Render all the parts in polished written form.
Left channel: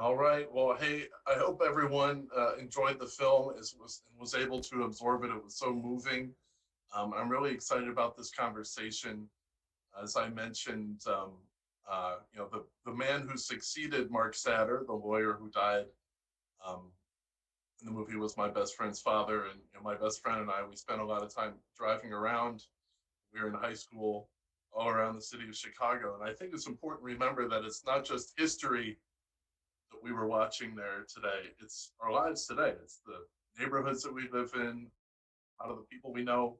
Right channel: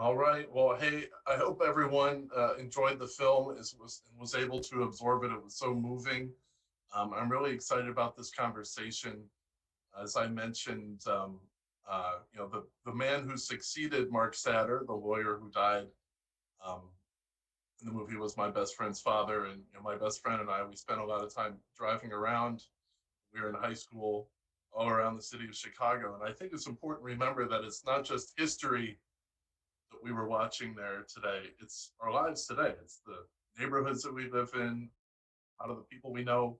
All right. Well, hey, I hope everyone enjoyed the film was able to absorb it. It was so moving. I'm really excited about this conversation. As I mentioned, the man who succeeded Mark Satter, the lawyer who died um, in the movie, was my best friend's father, and my best friend and I, we spent a lot of time driving around. We were in high school all around the city of Chicago, and I think it's important to remember that it's not just history that we were watching there today. It's our lives today. It's the neighborhoods that we live in, a lot of the people we know,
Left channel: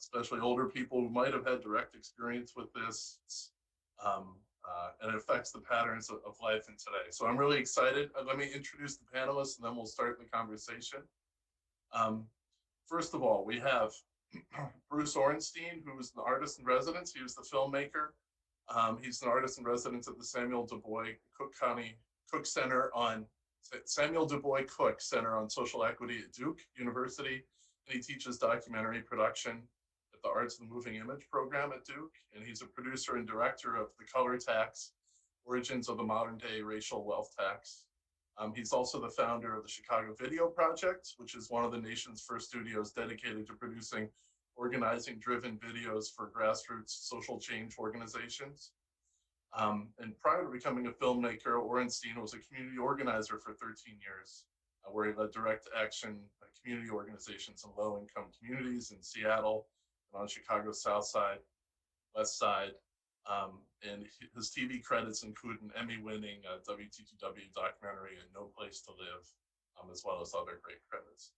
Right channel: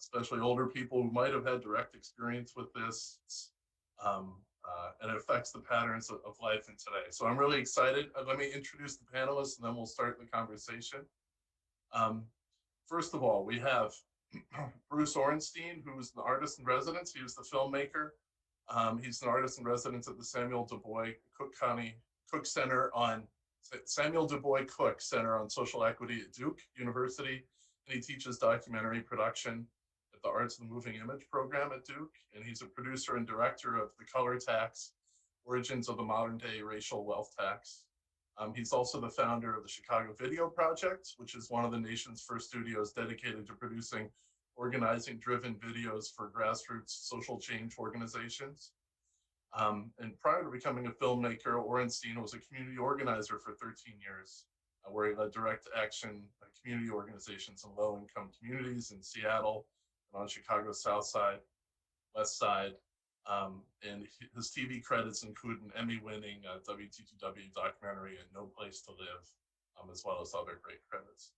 especially older people who might have had direct experience with this. And it affects the patterns of life in today. So I'm really excited. Let me introduce the panelists and then we'll start the conversation. Um, First of all, we have Bruce Orenstein, who was the artist in residence. He was the filmmaker. He's an artist in residence at the Samuel Du Bois Cook County Cook Center on Samuel Du Bois Cook Center on Social Equity at Duke University, and he teaches documentary production at the Arts of the Moving Image program at Duke, and he's a producer and director of The Color Tax, Origins of the Modern Day Racial Wealth Tax. He's also the founder of the Chicago Video Project, which is one of the nation's first studios dedicated to producing organizing-driven videos for grassroots social change organizations. And prior to becoming a filmmaker, Orenstein was a community organizer for 13 years, where he led direct action community organizations in low-income communities in Seattle and on Chicago's South Side, West Side. And his TV credits include an Emmy-winning WTTW documentary, No Place to Live, as well as other great credits.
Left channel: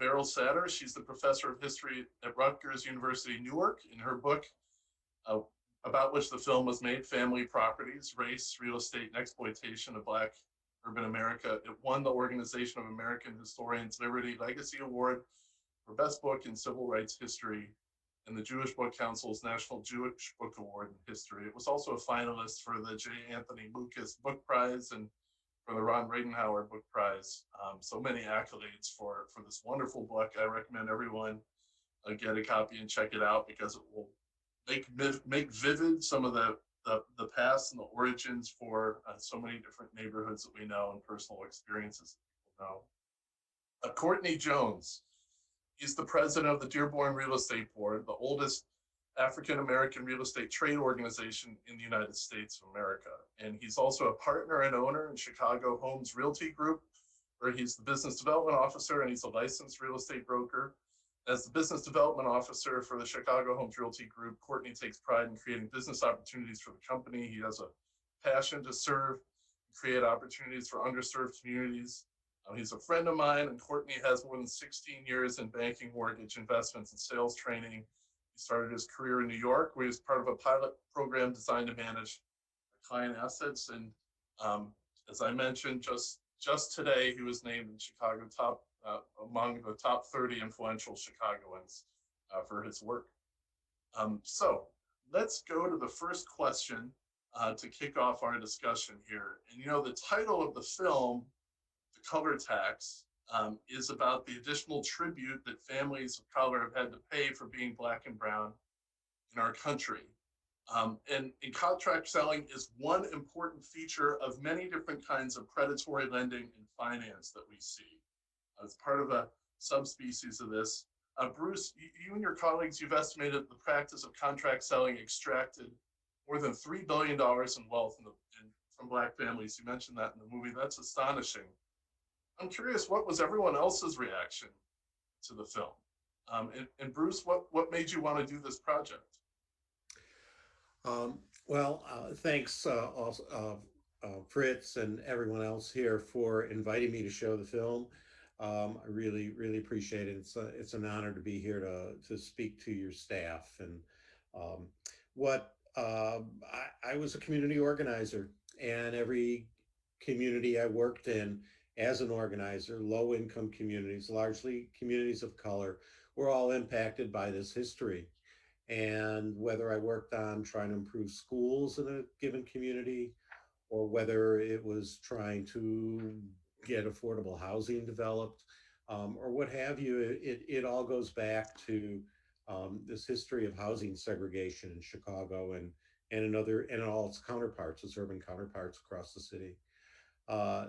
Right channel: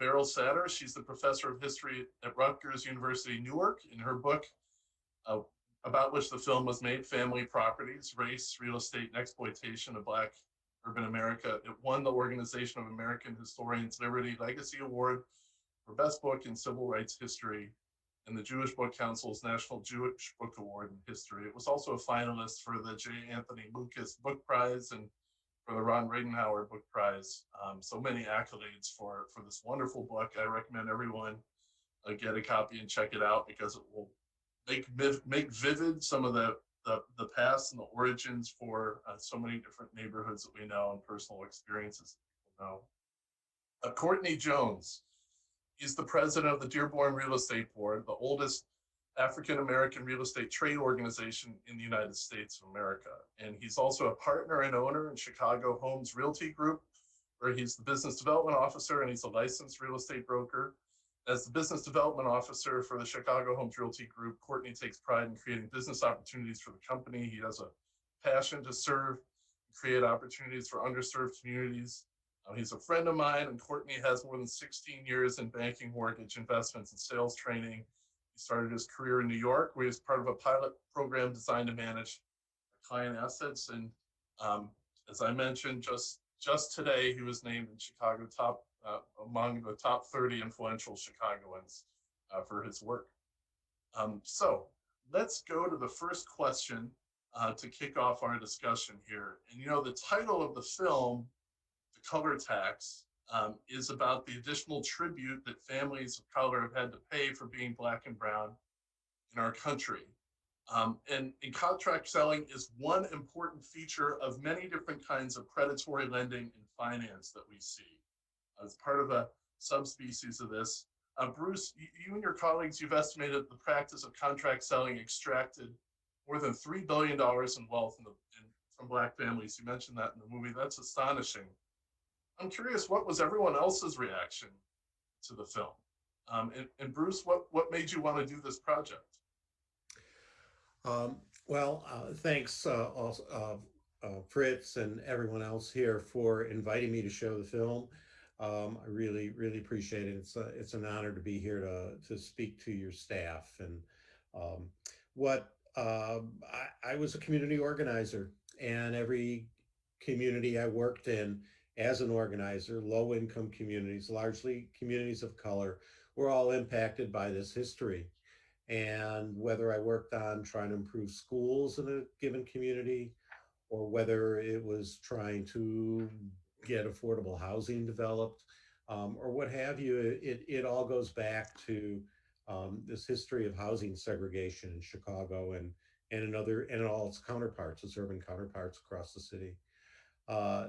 Beryl Satter, she's the professor of history at Rutgers University, Newark. In her book, uh, about which the film was made, Family Properties, Race, Real Estate, and Exploitation of Black Urban America, it won the Organization of American Historians Liberty Legacy Award for Best Book in Civil Rights History and the Jewish Book Council's National Jewish Book Award in History. It was also a finalist for the J. Anthony Lucas Book Prize and for the Ron Reidenhauer Book Prize. So many accolades for this wonderful book. I recommend everyone get a copy and check it out because it will make vivid some of the past and the origins for so many different neighborhoods that we know and personal experiences that people know. Courtney Jones, he's the president of the Dearborn Real Estate Board, the oldest African American real estate trade organization in the United States of America. And he's also a partner and owner in Chicago Homes Realty Group, where he's the business development officer and he's a licensed real estate broker. As the business development officer for the Chicago Homes Realty Group, Courtney takes pride in creating business opportunities for the company. He has a passion to serve and create opportunities for underserved communities. He's a friend of mine, and Courtney has more than 16 years in banking, mortgage, investments, and sales training. He started his career in New York, where he was part of a pilot program designed to manage client assets. And as I mentioned, just today, he was named in Chicago among the top 30 influential Chicagoans for his work. So let's go to the first question to kick off our discussion here. And the title of the film, The Color Tax, is about the additional tribute that families of color have had to pay for being Black and brown in our country. And contract selling is one important feature of many different kinds of predatory lending and finance that we see. As part of a subspecies of this, Bruce, you and your colleagues, you've estimated the practice of contract selling extracted more than $3 billion in wealth from Black families. You mentioned that in the movie. That's astonishing. I'm curious, what was everyone else's reaction to the film? And Bruce, what made you want to do this project? Thanks also, Fritz and everyone else here for inviting me to show the film. I really, really appreciate it. It's an honor to be here to speak to your staff. And I was a community organizer, and every community I worked in as an organizer, low income communities, largely communities of color, were all impacted by this history. And whether I worked on trying to improve schools in a given community, or whether it was trying to get affordable housing developed, or what have you, it all goes back to this history of housing segregation in Chicago and in all its counterparts, its urban counterparts across the city.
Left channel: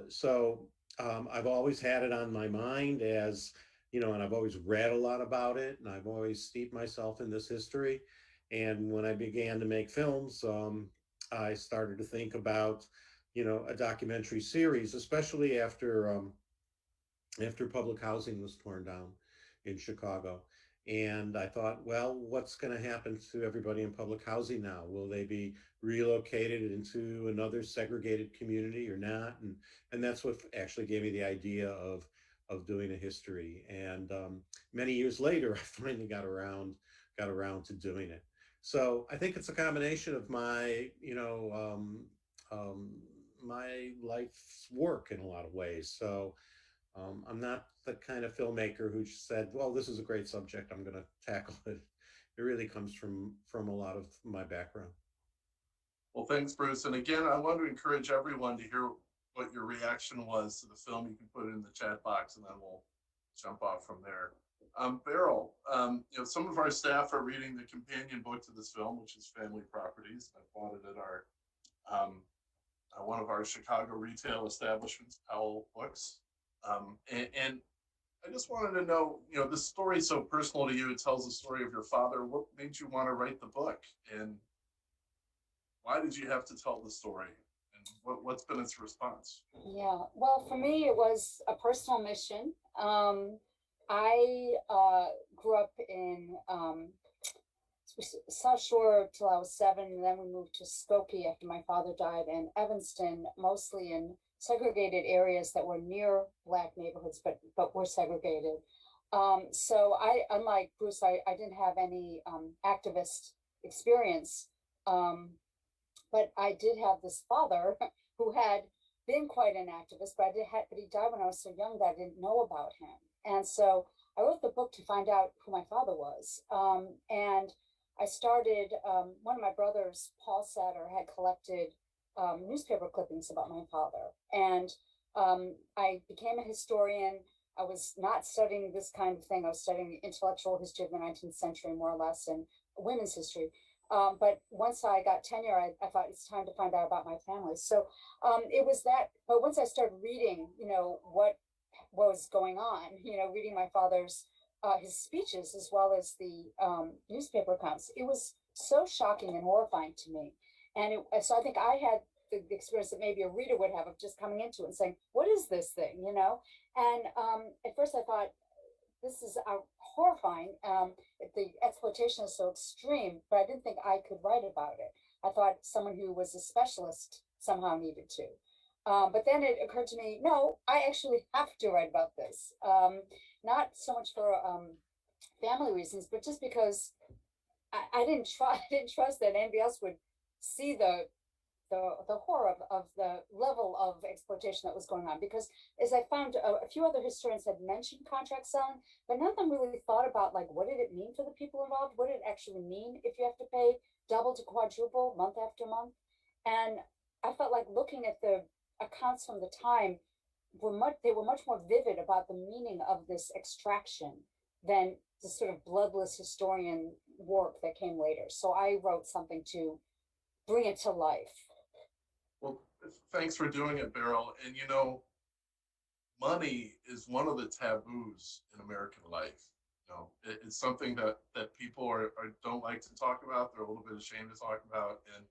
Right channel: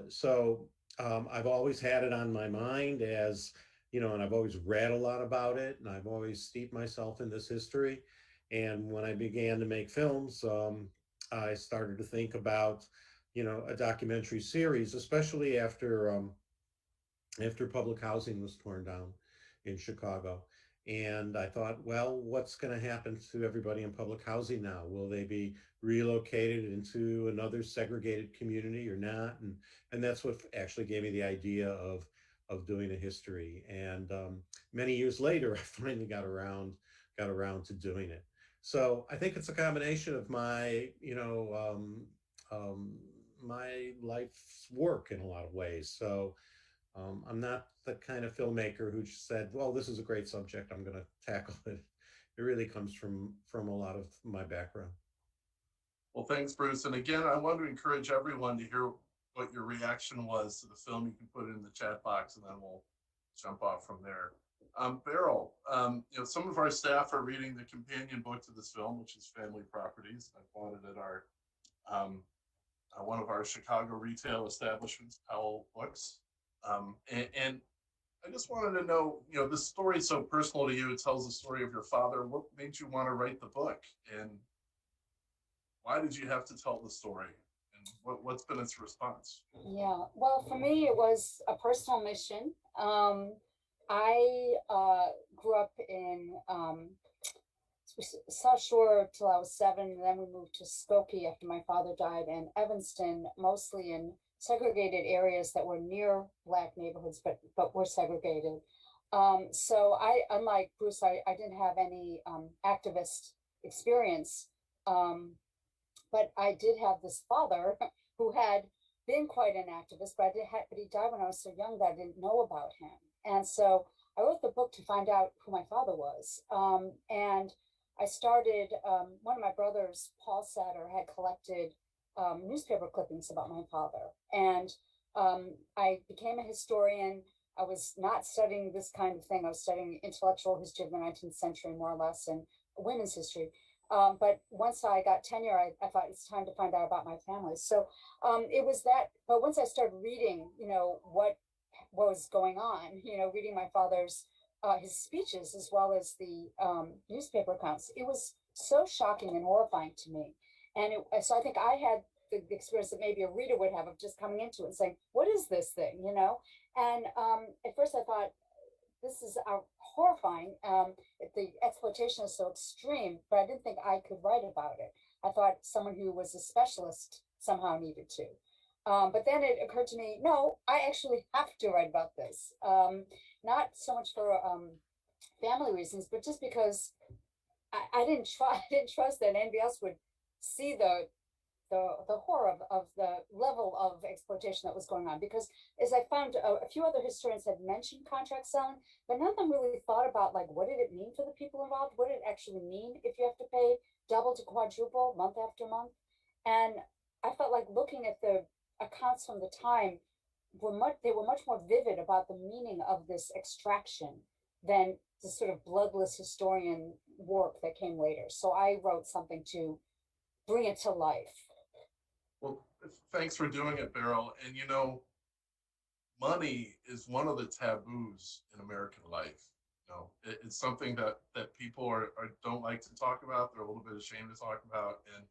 So I've always had it on my mind as, and I've always read a lot about it, and I've always steeped myself in this history. And when I began to make films, I started to think about, a documentary series, especially after public housing was torn down in Chicago. And I thought, well, what's going to happen to everybody in public housing now? Will they be relocated into another segregated community or not? And that's what actually gave me the idea of doing a history. And many years later, I finally got around to doing it. So I think it's a combination of my, my life's work in a lot of ways. So I'm not the kind of filmmaker who just said, "Well, this is a great subject. I'm going to tackle it." It really comes from a lot of my background. Well, thanks, Bruce. And again, I want to encourage everyone to hear what your reaction was to the film. You can put it in the chat box, and then we'll jump off from there. Beryl, some of our staff are reading the companion book to this film, which is Family Properties. I bought it at our one of our Chicago retail establishments, Powell Books. And I just wanted to know, this story is so personal to you. It tells the story of your father. What made you want to write the book? And why did you have to tell the story? And what's been its response? Yeah, well, for me, it was a personal mission. I grew up in South Shore till I was 7, and then we moved to Skokie after my father died, and Evanston, mostly in segregated areas that were near Black neighborhoods, but were segregated. So unlike Bruce, I didn't have any activist experience, but I did have this father who had been quite an activist, but he died when I was so young that I didn't know about him. And so I wrote the book to find out who my father was. And I started, one of my brothers, Paul Satter, had collected newspaper clippings about my father. And I became a historian. I was not studying this kind of thing. I was studying intellectual history of the 19th century, more or less, and women's history. But once I got tenure, I thought it's time to find out about my family. So it was that. But once I started reading, what was going on, reading my father's his speeches as well as the newspaper accounts, it was so shocking and horrifying to me. And so I think I had the experience that maybe a reader would have of just coming into it and saying, "What is this thing?" And at first I thought, this is horrifying. The exploitation is so extreme, but I didn't think I could write about it. I thought someone who was a specialist somehow needed to. But then it occurred to me, no, I actually have to write about this. Not so much for family reasons, but just because I didn't trust that anybody else would see the horror of the level of exploitation that was going on. Because as I found, a few other historians had mentioned contract selling, but none of them really thought about, like, what did it mean for the people involved? What did it actually mean if you have to pay double to quadruple month after month? And I felt like looking at the accounts from the time they were much more vivid about the meaning of this extraction than the sort of bloodless historian work that came later. So I wrote something to bring it to life. Well, thanks for doing it, Beryl. And money is one of the taboos in American life. It's something that people don't like to talk about. They're a little bit ashamed to talk about, and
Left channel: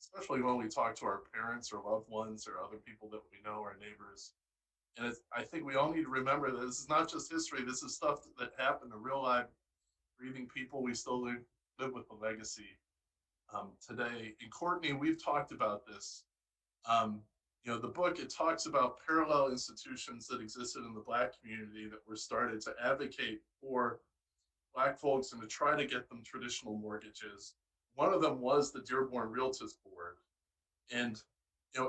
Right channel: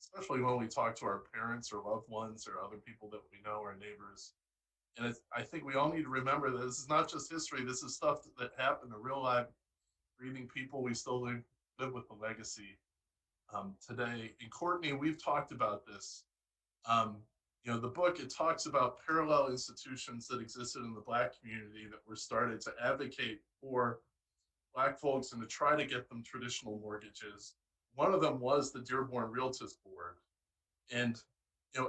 especially when we talk to our parents or loved ones or other people that we know, our neighbors. And I think we all need to remember that this is not just history. This is stuff that happened to real life, breathing people. We still live with the legacy today. And Courtney, we've talked about this. The book, it talks about parallel institutions that existed in the Black community that were started to advocate for Black folks and to try to get them traditional mortgages. One of them was the Dearborn Realtors Board. And,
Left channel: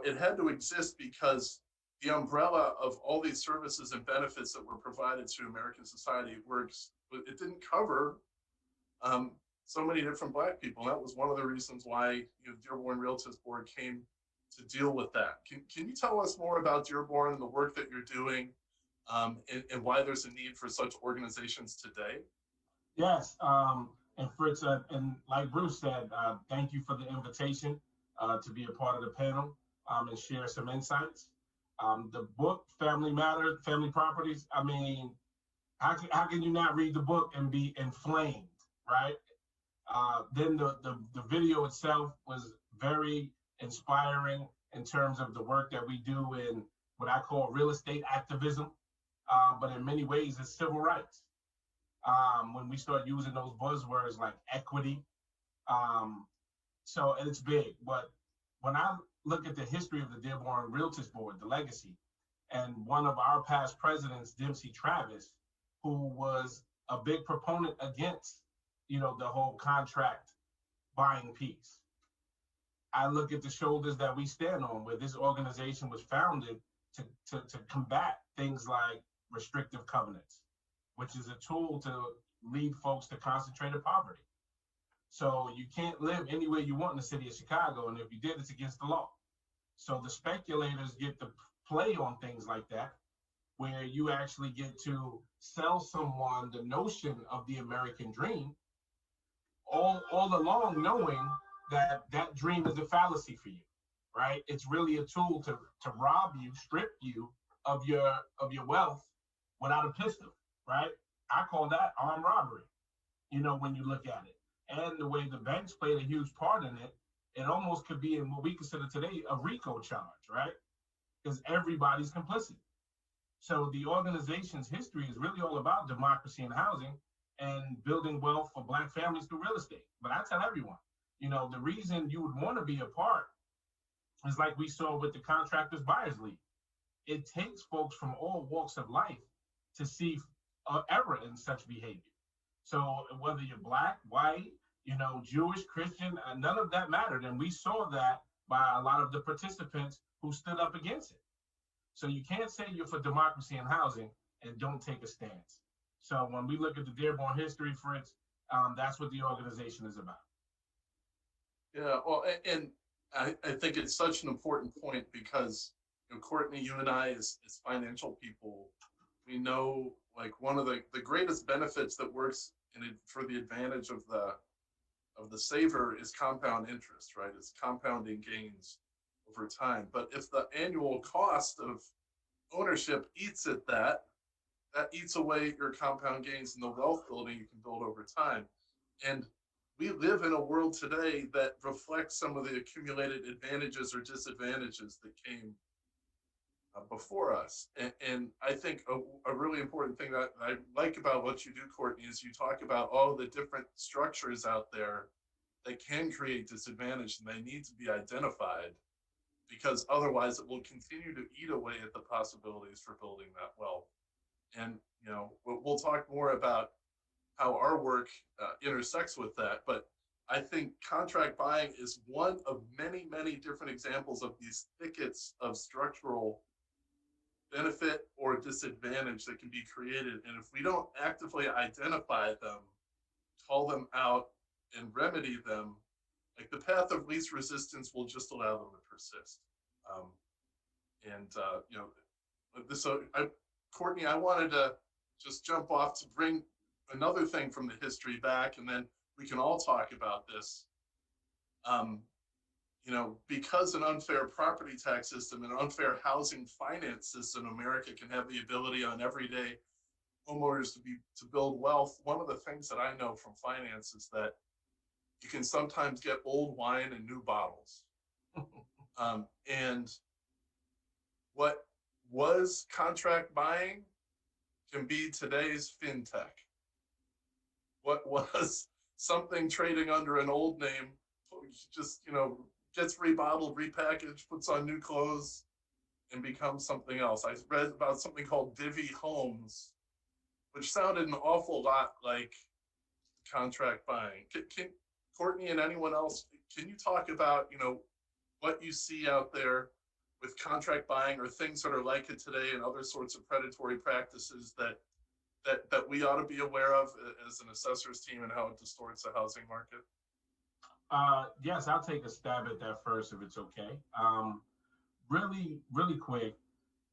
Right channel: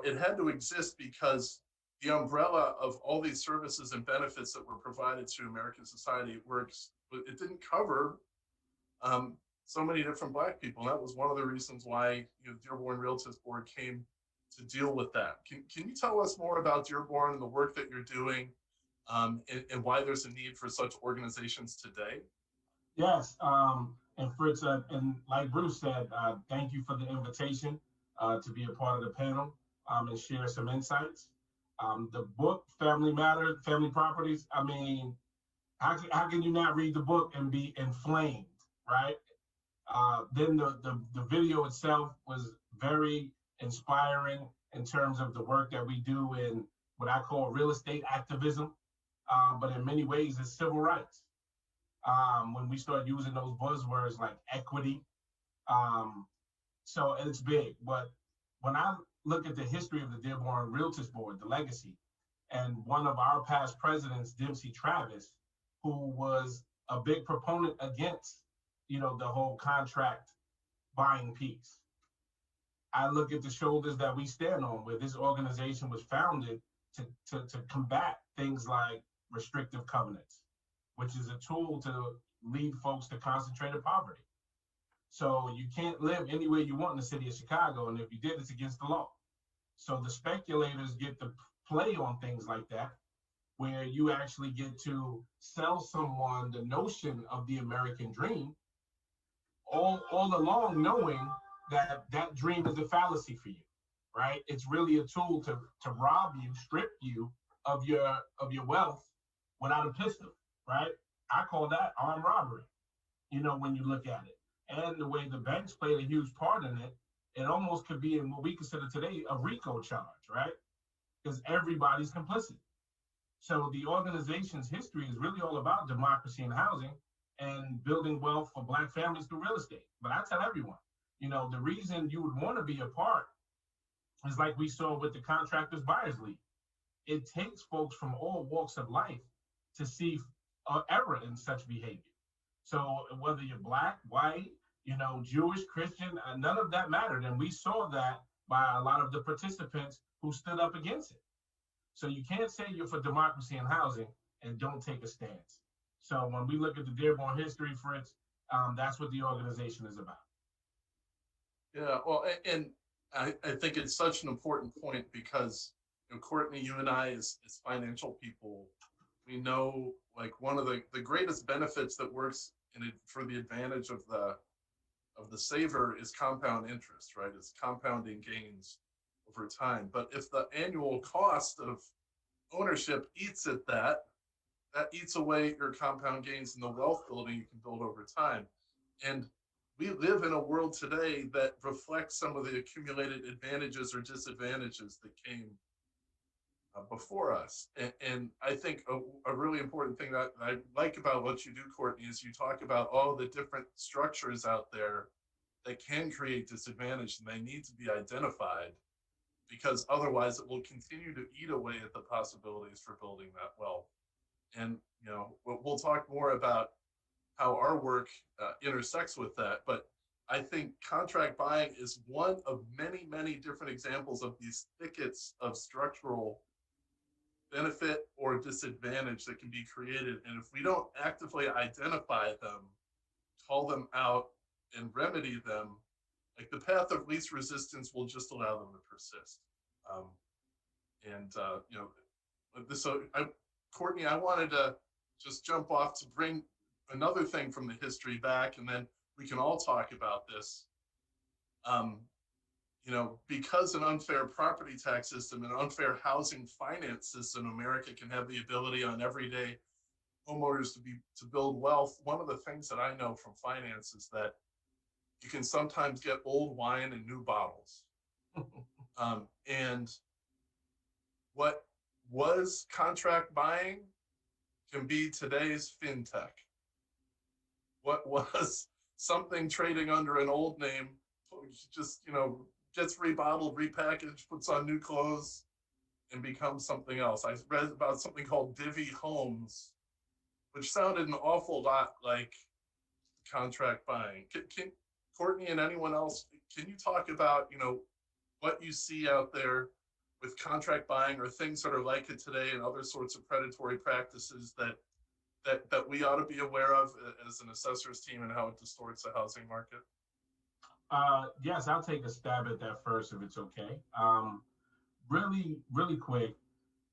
it had to exist because the umbrella of all these services and benefits that were provided to American society it didn't cover so many different Black people. And that was one of the reasons why Dearborn Realtors Board came to deal with that. Can you tell us more about Dearborn and the work that you're doing, and why there's a need for such organizations today? Yes, and Fritz, and like Bruce said, thank you for the invitation to be a part of the panel and share some insights. The book, Family Matter, Family Properties, I mean, how can you not read the book and be inflamed, right? Then the video itself was very inspiring in terms of the work that we do in what I call real estate activism, but in many ways it's civil rights. When we start using those buzzwords like equity, so it's big. But when I look at the history of the Dearborn Realtors Board, the legacy, and one of our past presidents, Dempsey Travis, who was a big proponent against, the whole contract buying piece. I look at the shoulders that we stand on, where this organization was founded to combat things like restrictive covenants, which is a tool to lead folks to concentrated poverty. So you can't live any way you want in the city of Chicago, and if you did, it's against the law. So the speculators get to play on things like that, where you actually get to sell someone the notion of the American dream, all along knowing that that dream is a fallacy for you, right? It's really a tool to rob you, strip you of your wealth without a pistol, right? I call that armed robbery, when you look at it. And the way the banks played a huge part in it, it almost could be in what we consider today a RICO charge, right? Because everybody's complicit. So the organization's history is really all about democracy and housing and building wealth for Black families through real estate. But I tell everyone, the reason you would want to be a part is like we saw with the Contractors Buyers League. It takes folks from all walks of life to see error in such behavior. So whether you're Black, white, Jewish, Christian, none of that mattered. And we saw that by a lot of the participants who stood up against it. So you can't say you're for democracy and housing and don't take a stance. So when we look at the Dearborn history, Fritz, that's what the organization is about. Yeah, well, and I think it's such an important point because, Courtney, you and I, as financial people, we know like one of the greatest benefits that works for the advantage of the saver is compound interest, right? It's compounding gains over time. But if the annual cost of ownership eats at that eats away your compound gains in the wealth building you can build over time. And we live in a world today that reflects some of the accumulated advantages or disadvantages that came before us. And I think a really important thing that I like about what you do, Courtney, is you talk about all the different structures out there that can create disadvantage, and they need to be identified, because otherwise it will continue to eat away at the possibilities for building that wealth. And we'll talk more about how our work intersects with that, but I think contract buying is one of many, many different examples of these thickets of structural benefit or disadvantage that can be created. And if we don't actively identify them, call them out, and remedy them, like the path of least resistance will just allow them to persist. Courtney, I wanted to just jump off to bring another thing from the history back, and then we can all talk about this. Because an unfair property tax system and an unfair housing finance system, America can have the ability on everyday homeowners to build wealth. One of the things that I know from finance is that you can sometimes get old wine in new bottles. And what was contract buying can be today's fintech. What was something trading under an old name just, gets rebottled, repackaged, puts on new clothes, and becomes something else. I read about something called Divvy Homes, which sounded an awful lot like contract buying. Can Courtney and anyone else, can you talk about, what you see out there with contract buying or things that are like it today and other sorts of predatory practices that we ought to be aware of as an assessor's team and how it distorts the housing market? Yes, I'll take a stab at that first if it's okay. Really, really quick.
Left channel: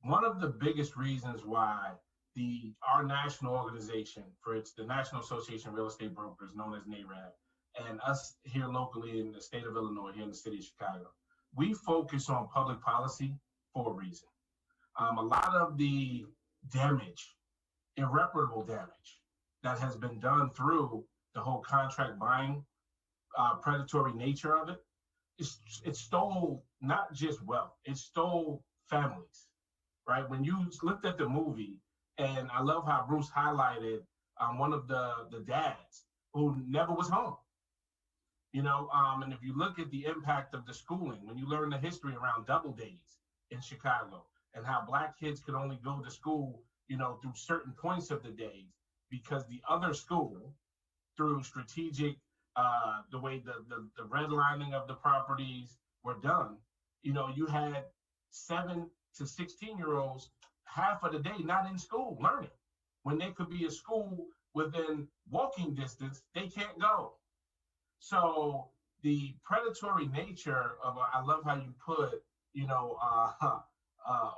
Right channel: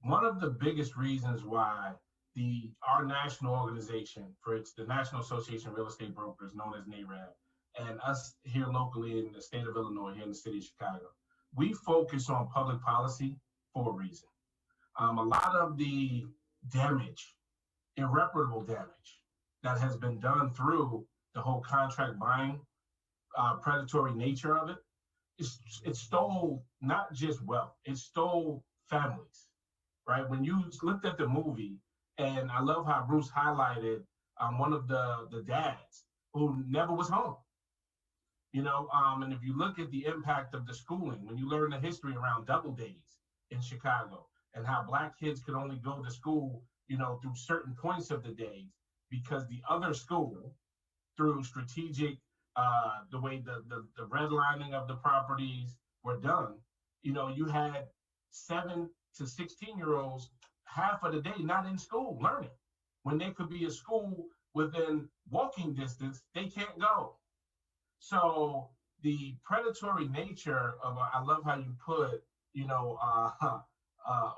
One of the biggest reasons why our national organization, Fritz, the National Association of Real Estate Brokers, known as NAREB, and us here locally in the state of Illinois, here in the city of Chicago, we focus on public policy for a reason. A lot of the damage, irreparable damage, that has been done through the whole contract buying, predatory nature of it, it stole not just wealth, it stole families, right? When you looked at the movie, and I love how Bruce highlighted one of the dads who never was home, and if you look at the impact of the schooling, when you learn the history around double days in Chicago and how Black kids could only go to school, through certain points of the day because the other school, through strategic, the way the redlining of the properties were done, you had 7 to 16-year-olds half of the day not in school learning. When they could be at school within walking distance, they can't go. So the predatory nature of, I love how you put,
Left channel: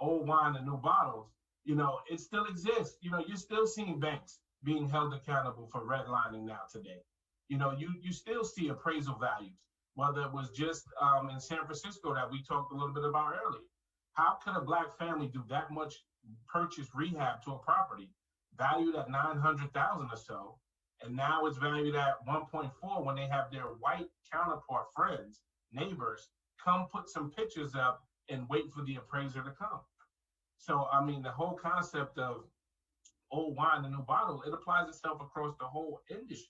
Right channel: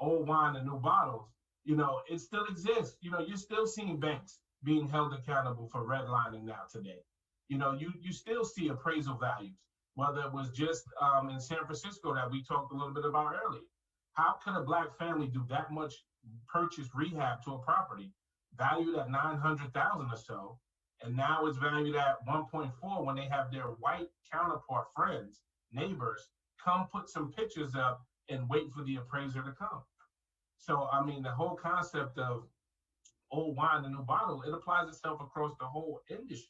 old wine in new bottles, it still exists. You're still seeing banks being held accountable for redlining now today. You still see appraisal values, whether it was just in San Francisco that we talked a little bit about earlier. How could a Black family do that much purchase rehab to a property valued at 900,000 or so, and now it's valued at 1.4 when they have their white counterpart friends, neighbors, come put some pictures up and wait for the appraiser to come? So, I mean, the whole concept of old wine in a new bottle, it applies itself across the whole industry.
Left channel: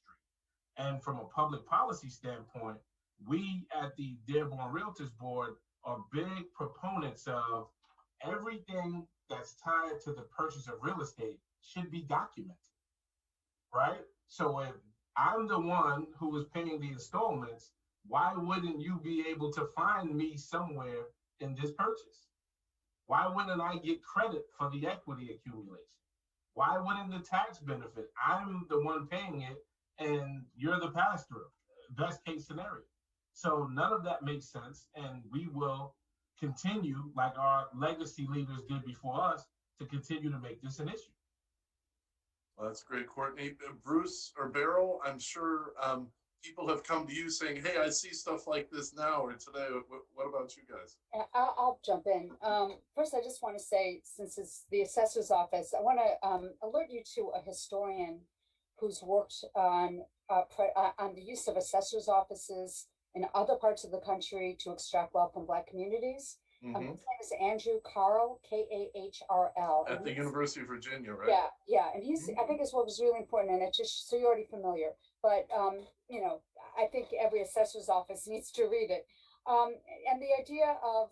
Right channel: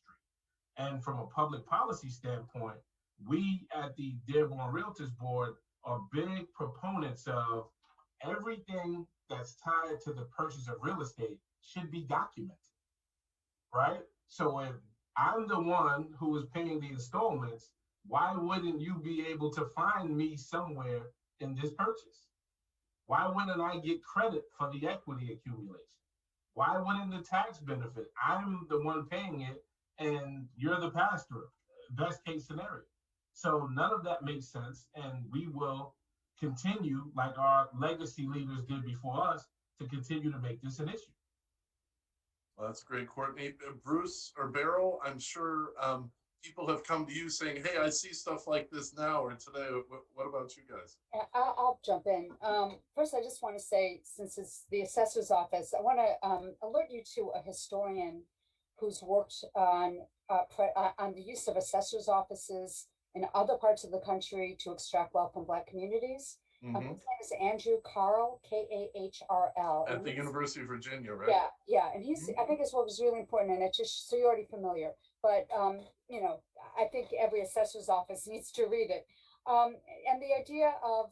And from a public policy standpoint, we at the Dearborn Realtors Board are big proponents of everything that's tied to the purchase of real estate should be documented, right? So if I'm the one who is paying the installments, why wouldn't you be able to find me somewhere in this purchase? Why wouldn't I get credit for the equity accumulation? Why wouldn't the tax benefit? I'm the one paying it and you're the pass-through, best case scenario. So none of that makes sense, and we will continue, like our legacy leaders did before us, to continue to make this an issue. Well, that's great, Courtney. Bruce or Beryl, I'm sure people have come to you saying, hey, I see stuff like this now or today. What about you guys? I'll jump in. First, I just want to say, since it's the assessor's office, I want to alert you to a historian who's worked on the use of assessor's offices in other parts of the country to extract wealth from Black communities. His name is Andrew Carl, Kahrl. At the University of Virginia, right? Yeah, and I think his work is really important, and it's just, so you're already familiar, but, I think every assessor's office needs to read it. And the idea of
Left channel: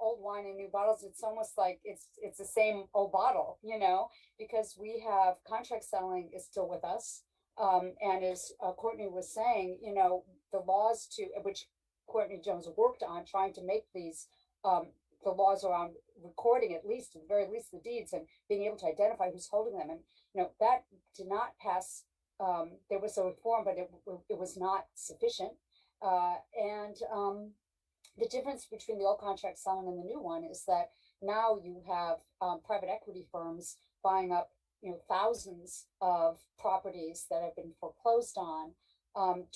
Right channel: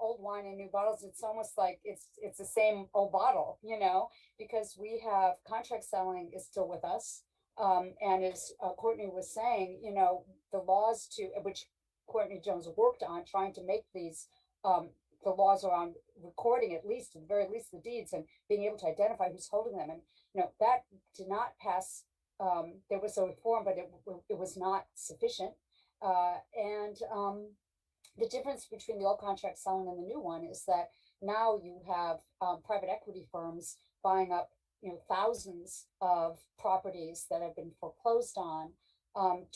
old wine in new bottles, it's almost like it's the same old bottle, because we have contract selling is still with us. And as Courtney was saying, the laws which Courtney Jones worked on, trying to make these the laws around recording, at the very least, the deeds and being able to identify who's holding them. And, that did not pass. There was a reform, but it was not sufficient. And the difference between the old contract selling and the new one is that now you have private equity firms buying up, thousands of properties that have been foreclosed on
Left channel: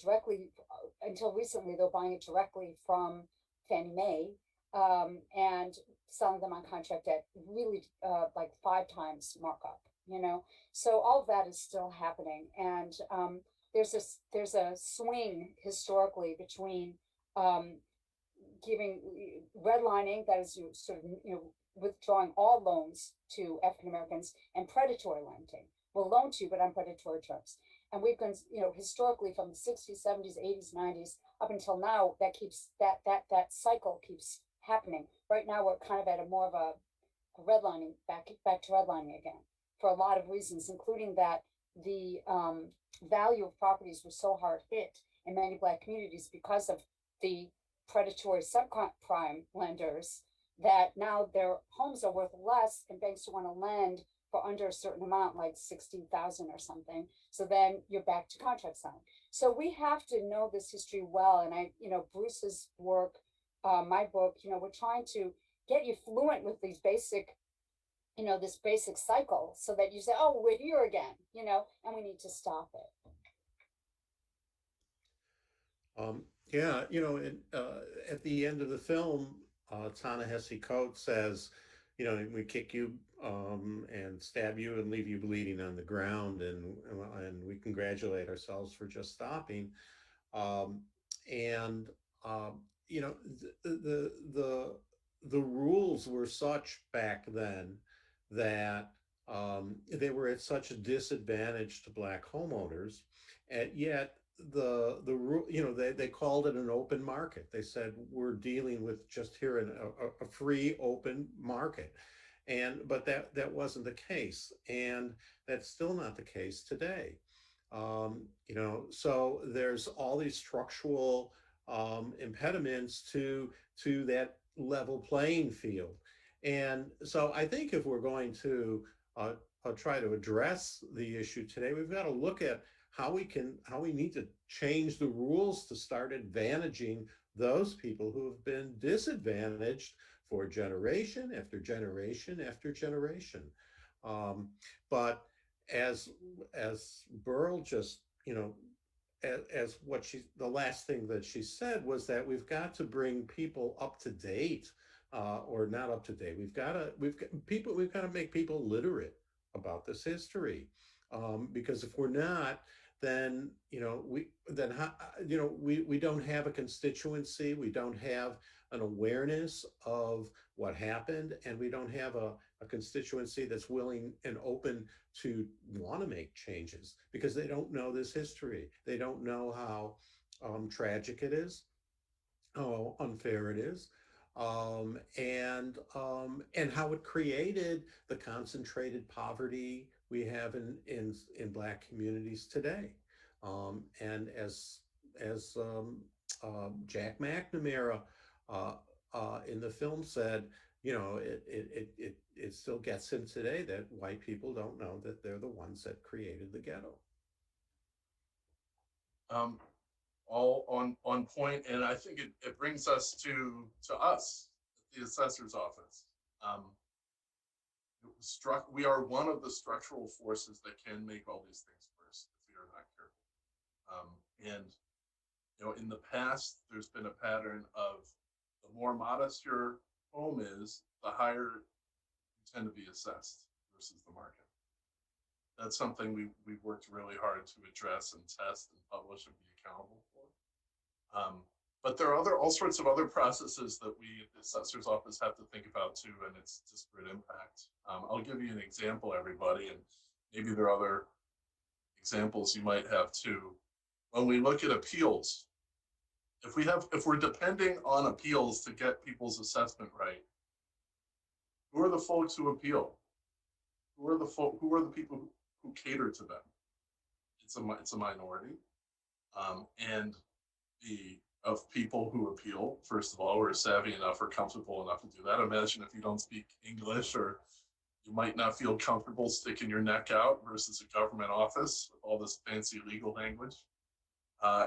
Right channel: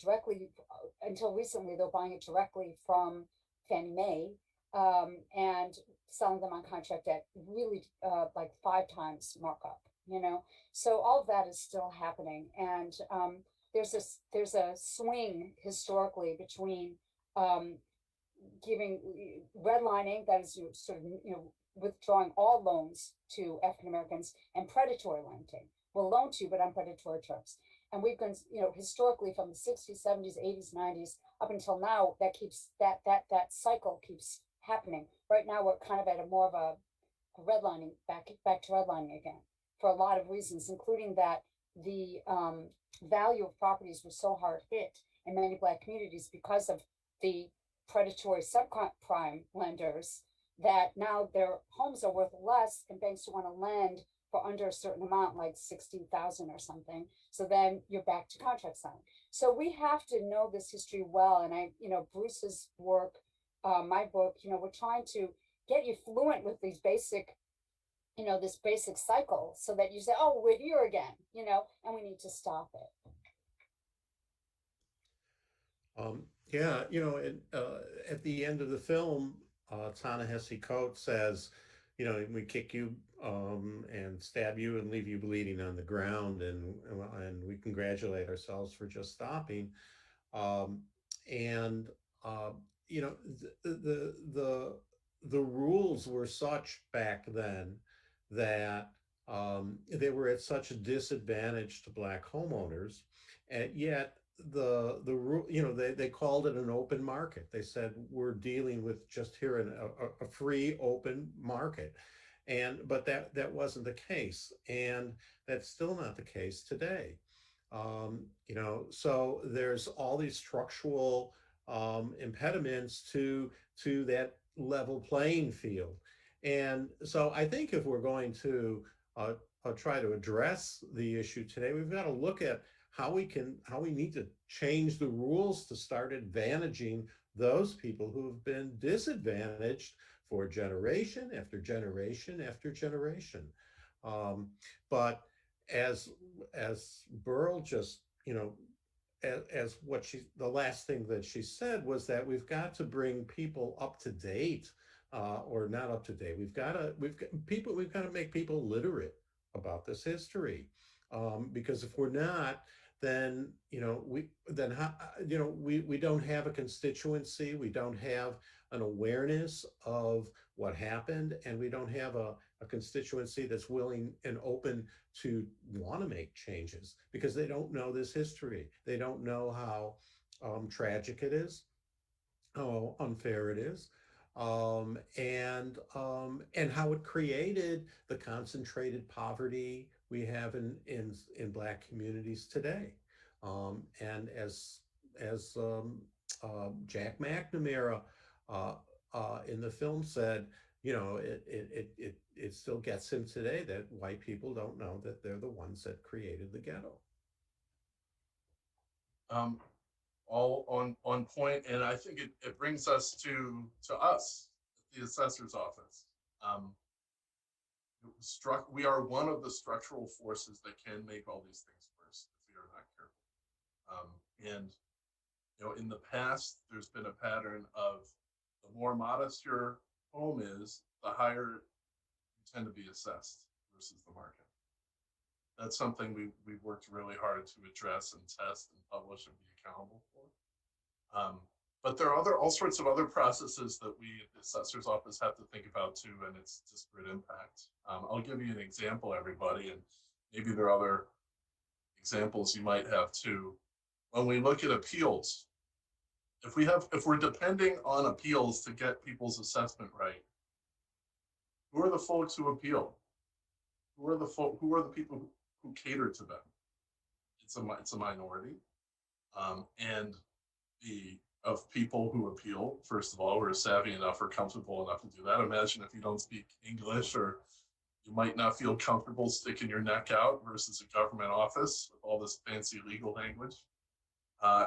directly. Until recently, they're buying it directly from Fannie Mae and selling them on contract at really like 5 times markup. So all of that is still happening, and there's a swing historically between giving redlining, that is sort of withdrawing all loans to African Americans, and predatory lending. We'll loan to you, but on predatory terms. And we've been, historically from the 60s, 70s, 80s, 90s up until now, that keeps that cycle keeps happening. Right now, we're kind of at a more of a redlining, back to redlining again, for a lot of reasons, including that the value of properties was so hard hit in many Black communities because of the predatory subprime lenders, that now their homes are worth less, and banks want to lend for under a certain amount, like 16,000 or something. So then you're back to contract selling. So we have to know this history well. And Bruce's work, my book, we're trying to get you fluent with these basic, this basic cycle, so that you say, oh, we're here again, and we need to stop it. Yeah, and at the end of the film, Ta-Nehisi Coates says, we kick you and stab you and leave you bleeding on the ground, and we congratulate ourselves for just stopping. Um, and uh, you know, the rules were such back then that they were at such a disadvantage to black homeowners, and yet the rule, they called it an open market. They said we're dealing with just here in a free open market, and but that wasn't the case, and that's still not the case today. So there's all these structural impediments to that level playing field. And so I think if we're going to try to address the issue today, we've got to look at how we need to change the rules to start advantaging those people who have been disadvantaged for generation after generation after generation. But as Beryl just, as what the last thing that she said was that we've got to bring people up to date, or not up to date. We've got to make people literate about this history, because if we're not, then we don't have a constituency, we don't have an awareness of what happened, and we don't have a constituency that's willing and open to want to make changes because they don't know this history. They don't know how tragic it is, how unfair it is, and how it created the concentrated poverty we have in Black communities today. And as Jack McNamara in the film said, it still gets him today that white people don't know that they're the ones that created the ghetto. All on point, and I think it brings us to us, the assessor's office. We are one of the structural forces that can make all these things worse if we are not careful. And in the past, there's been a pattern of the more modest your home is, the higher you tend to be assessed versus the market. That's something we've worked really hard to address and test and publish and be accountable for. But there are all sorts of other processes that we at the assessor's office have to think about too, and it's disparate impact. I'll give you an example, everybody, and maybe there are other examples you might have too. When we look at appeals, if we're depending on appeals to get people's assessment right, who are the folks who appeal? Who are the people who cater to them? It's a minority, and of people who appeal, first of all, who are savvy enough or comfortable enough to do that. Imagine if you don't speak English, or you might not feel comfortable sticking your neck out versus a government office with all this fancy legal language.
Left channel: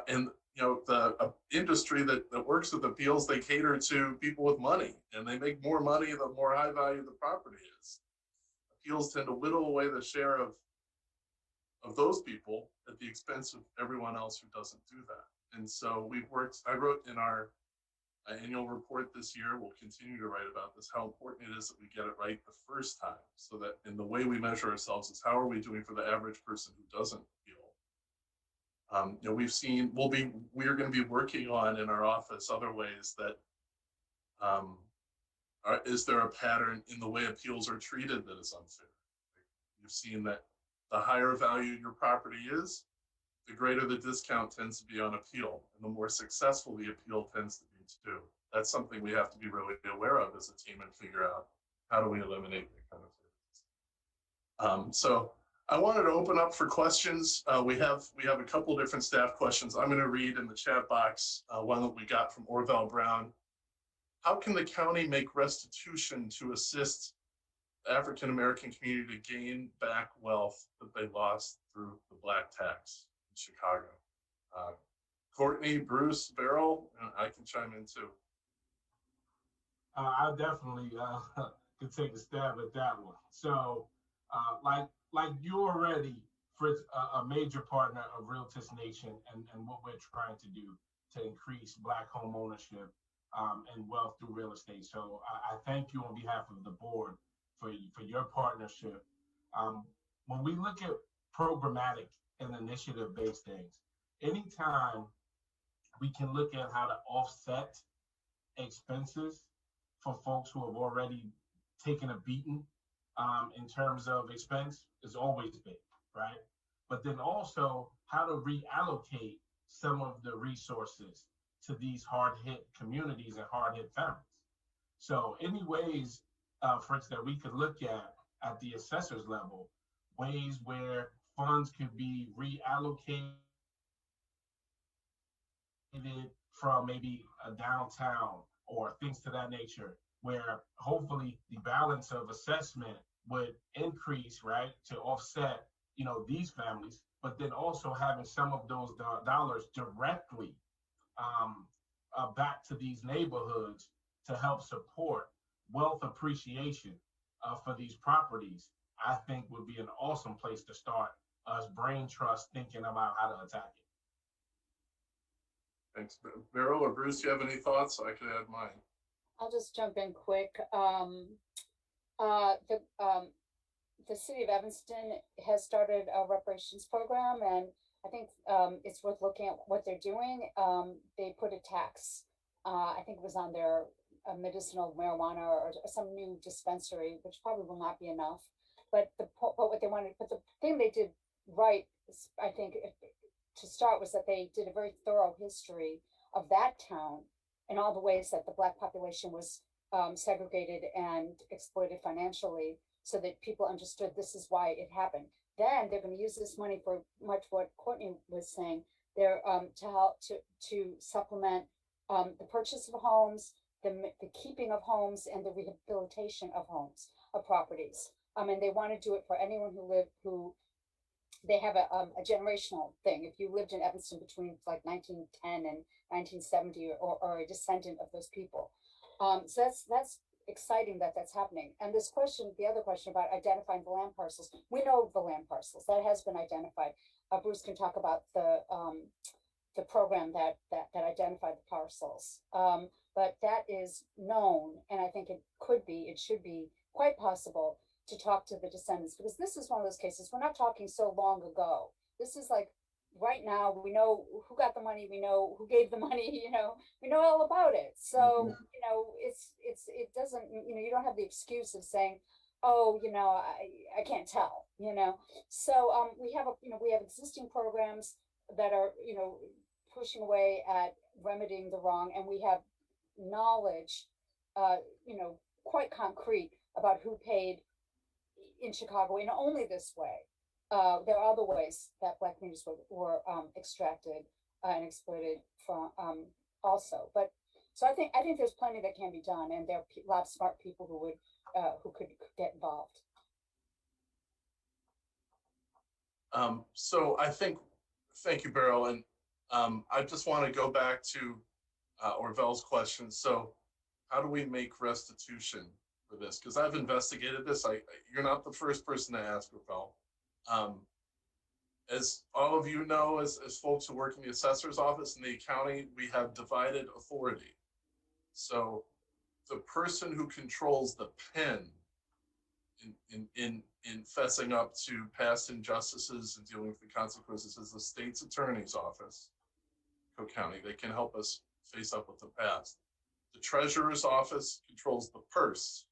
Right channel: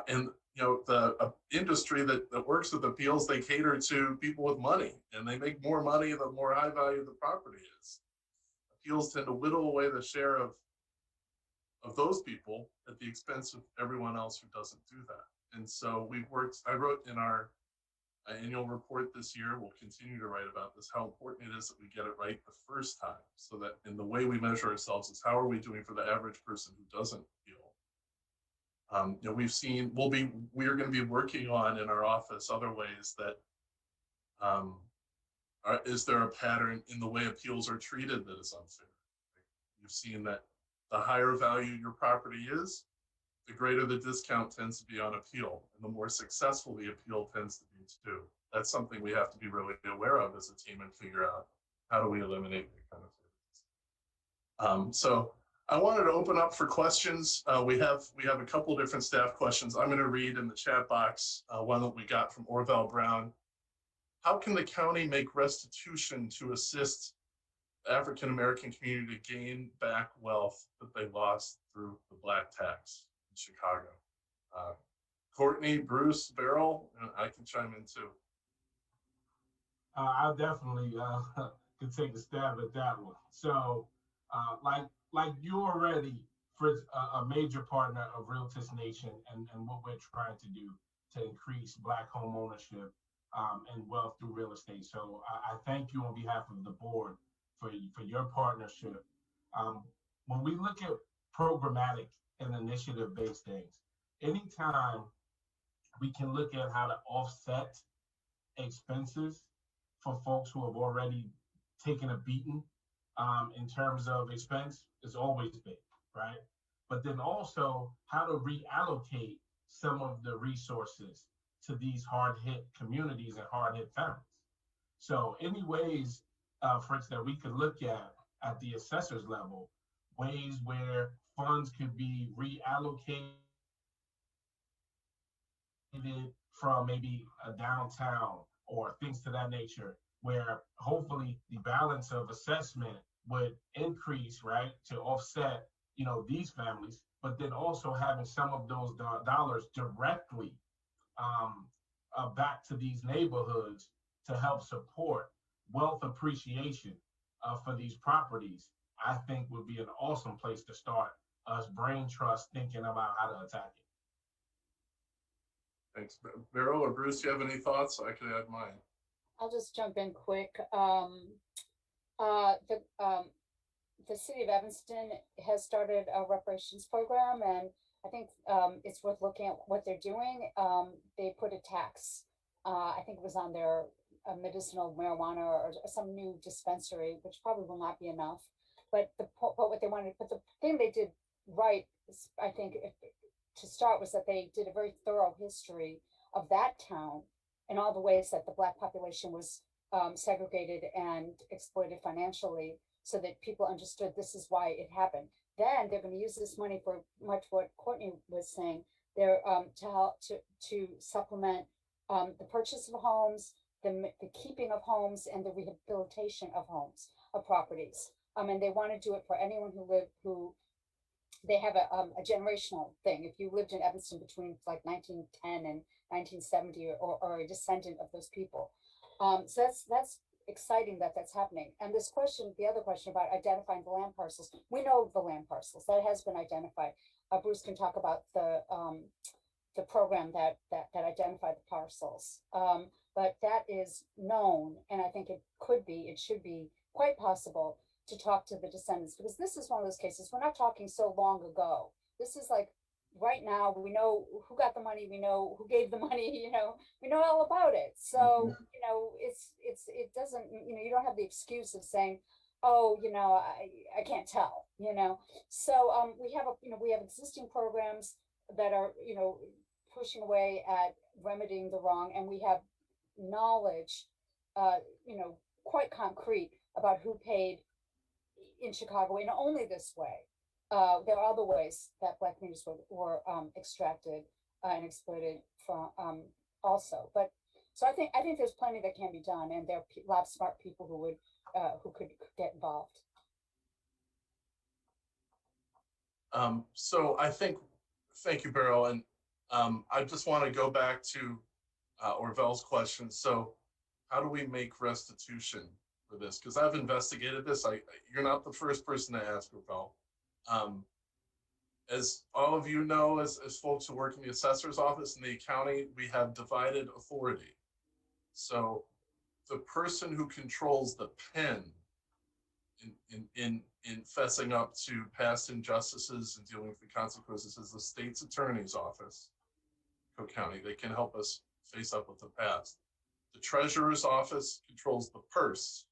And the industry that works with appeals, they cater to people with money, and they make more money the more high value the property is. Appeals tend to whittle away the share of those people at the expense of everyone else who doesn't do that. And so I wrote in our annual report this year, we'll continue to write about this, how important it is that we get it right the first time, so that in the way we measure ourselves is how are we doing for the average person who doesn't appeal. We've seen, we're going to be working on in our office other ways that, is there a pattern in the way appeals are treated that is unfair? You've seen that the higher value your property is, the greater the discount tends to be on appeal, and the more successful the appeal tends to be too. That's something we have to be really aware of as a team and figure out how do we eliminate that kind of things. So I wanted to open up for questions. We have a couple of different staff questions. I'm going to read in the chat box one that we got from Orville Brown. How can the county make restitution to assist the African American community to gain back wealth that they lost through the black tax in Chicago? Courtney, Bruce, Beryl, and I can chime in too. I definitely could take a stab at that one. So, like you already, Fritz, a major partner of Realtist Nation, and what we're trying to do to increase Black home ownership and wealth through real estate. So I thank you on behalf of the board for your partnership. When we look at programmatic and initiative-based things, anytime we can look at how to offset expenses for folks who have already taken a beating in terms of expense is always big, right? But then also how to reallocate some of the resources to these hard-hit communities and hard-hit families. So any ways, Fritz, that we could look at the assessor's level, ways where funds could be reallocated from maybe a downtown or things to that nature, where hopefully the balance of assessment would increase, right, to offset, these families, but then also having some of those dollars directly back to these neighborhoods to help support wealth appreciation for these properties, I think would be an awesome place to start us brain trust thinking about how to attack it. Thanks. Beryl or Bruce, do you have any thoughts? I could add mine. I'll just jump in quick. The city of Evanston has started a reparations program, and I think it's worth looking at what they're doing. They put a tax, I think it was on their medicinal marijuana or some new dispensary, which probably will not be enough. But what they wanted, but the thing they did right, is, I think, to start, was that they did a very thorough history of that town and all the ways that the Black population was segregated and exploited financially, so that people understood this is why it happened. Then they're going to use this money for much what Courtney was saying. They're to help to supplement the purchase of homes, the keeping of homes, and the rehabilitation of homes, of properties. And they want to do it for anyone who they have a generational thing. If you lived in Evanston between like 1910 and 1970, or a descendant of those people. So that's exciting that that's happening. And this question, the other question about identifying the land parcels, we know the land parcels that has been identified. Bruce can talk about the program that identified the parcels. But that is known, and I think it should be quite possible to talk to the descendants, because this is one of those cases, we're not talking so long ago. This is like right now. We know who got the money, we know who gave the money, we know all about it. So, it doesn't, you don't have the excuse of saying, oh, I can't tell, So we have existing programs that are, pushing away at remedying the wrong, and we have knowledge, quite concrete about who paid in Chicago in only this way. There are other ways that Black communities were extracted and exploited from also. But so I think there's plenty that can be done, and there are a lot of smart people who could get involved. So thank you, Beryl, and I just want to go back to Orville's question. So how do we make restitution for this? Because I've investigated this. You're not the first person to ask, Orville. As all of you know, as folks who work in the assessor's office in the county, we have divided authority. So the person who controls the pen in fessing up to past injustices and dealing with the consequences is the state's attorney's office, Cook County. They can help us face up with the past. The treasurer's office controls the purse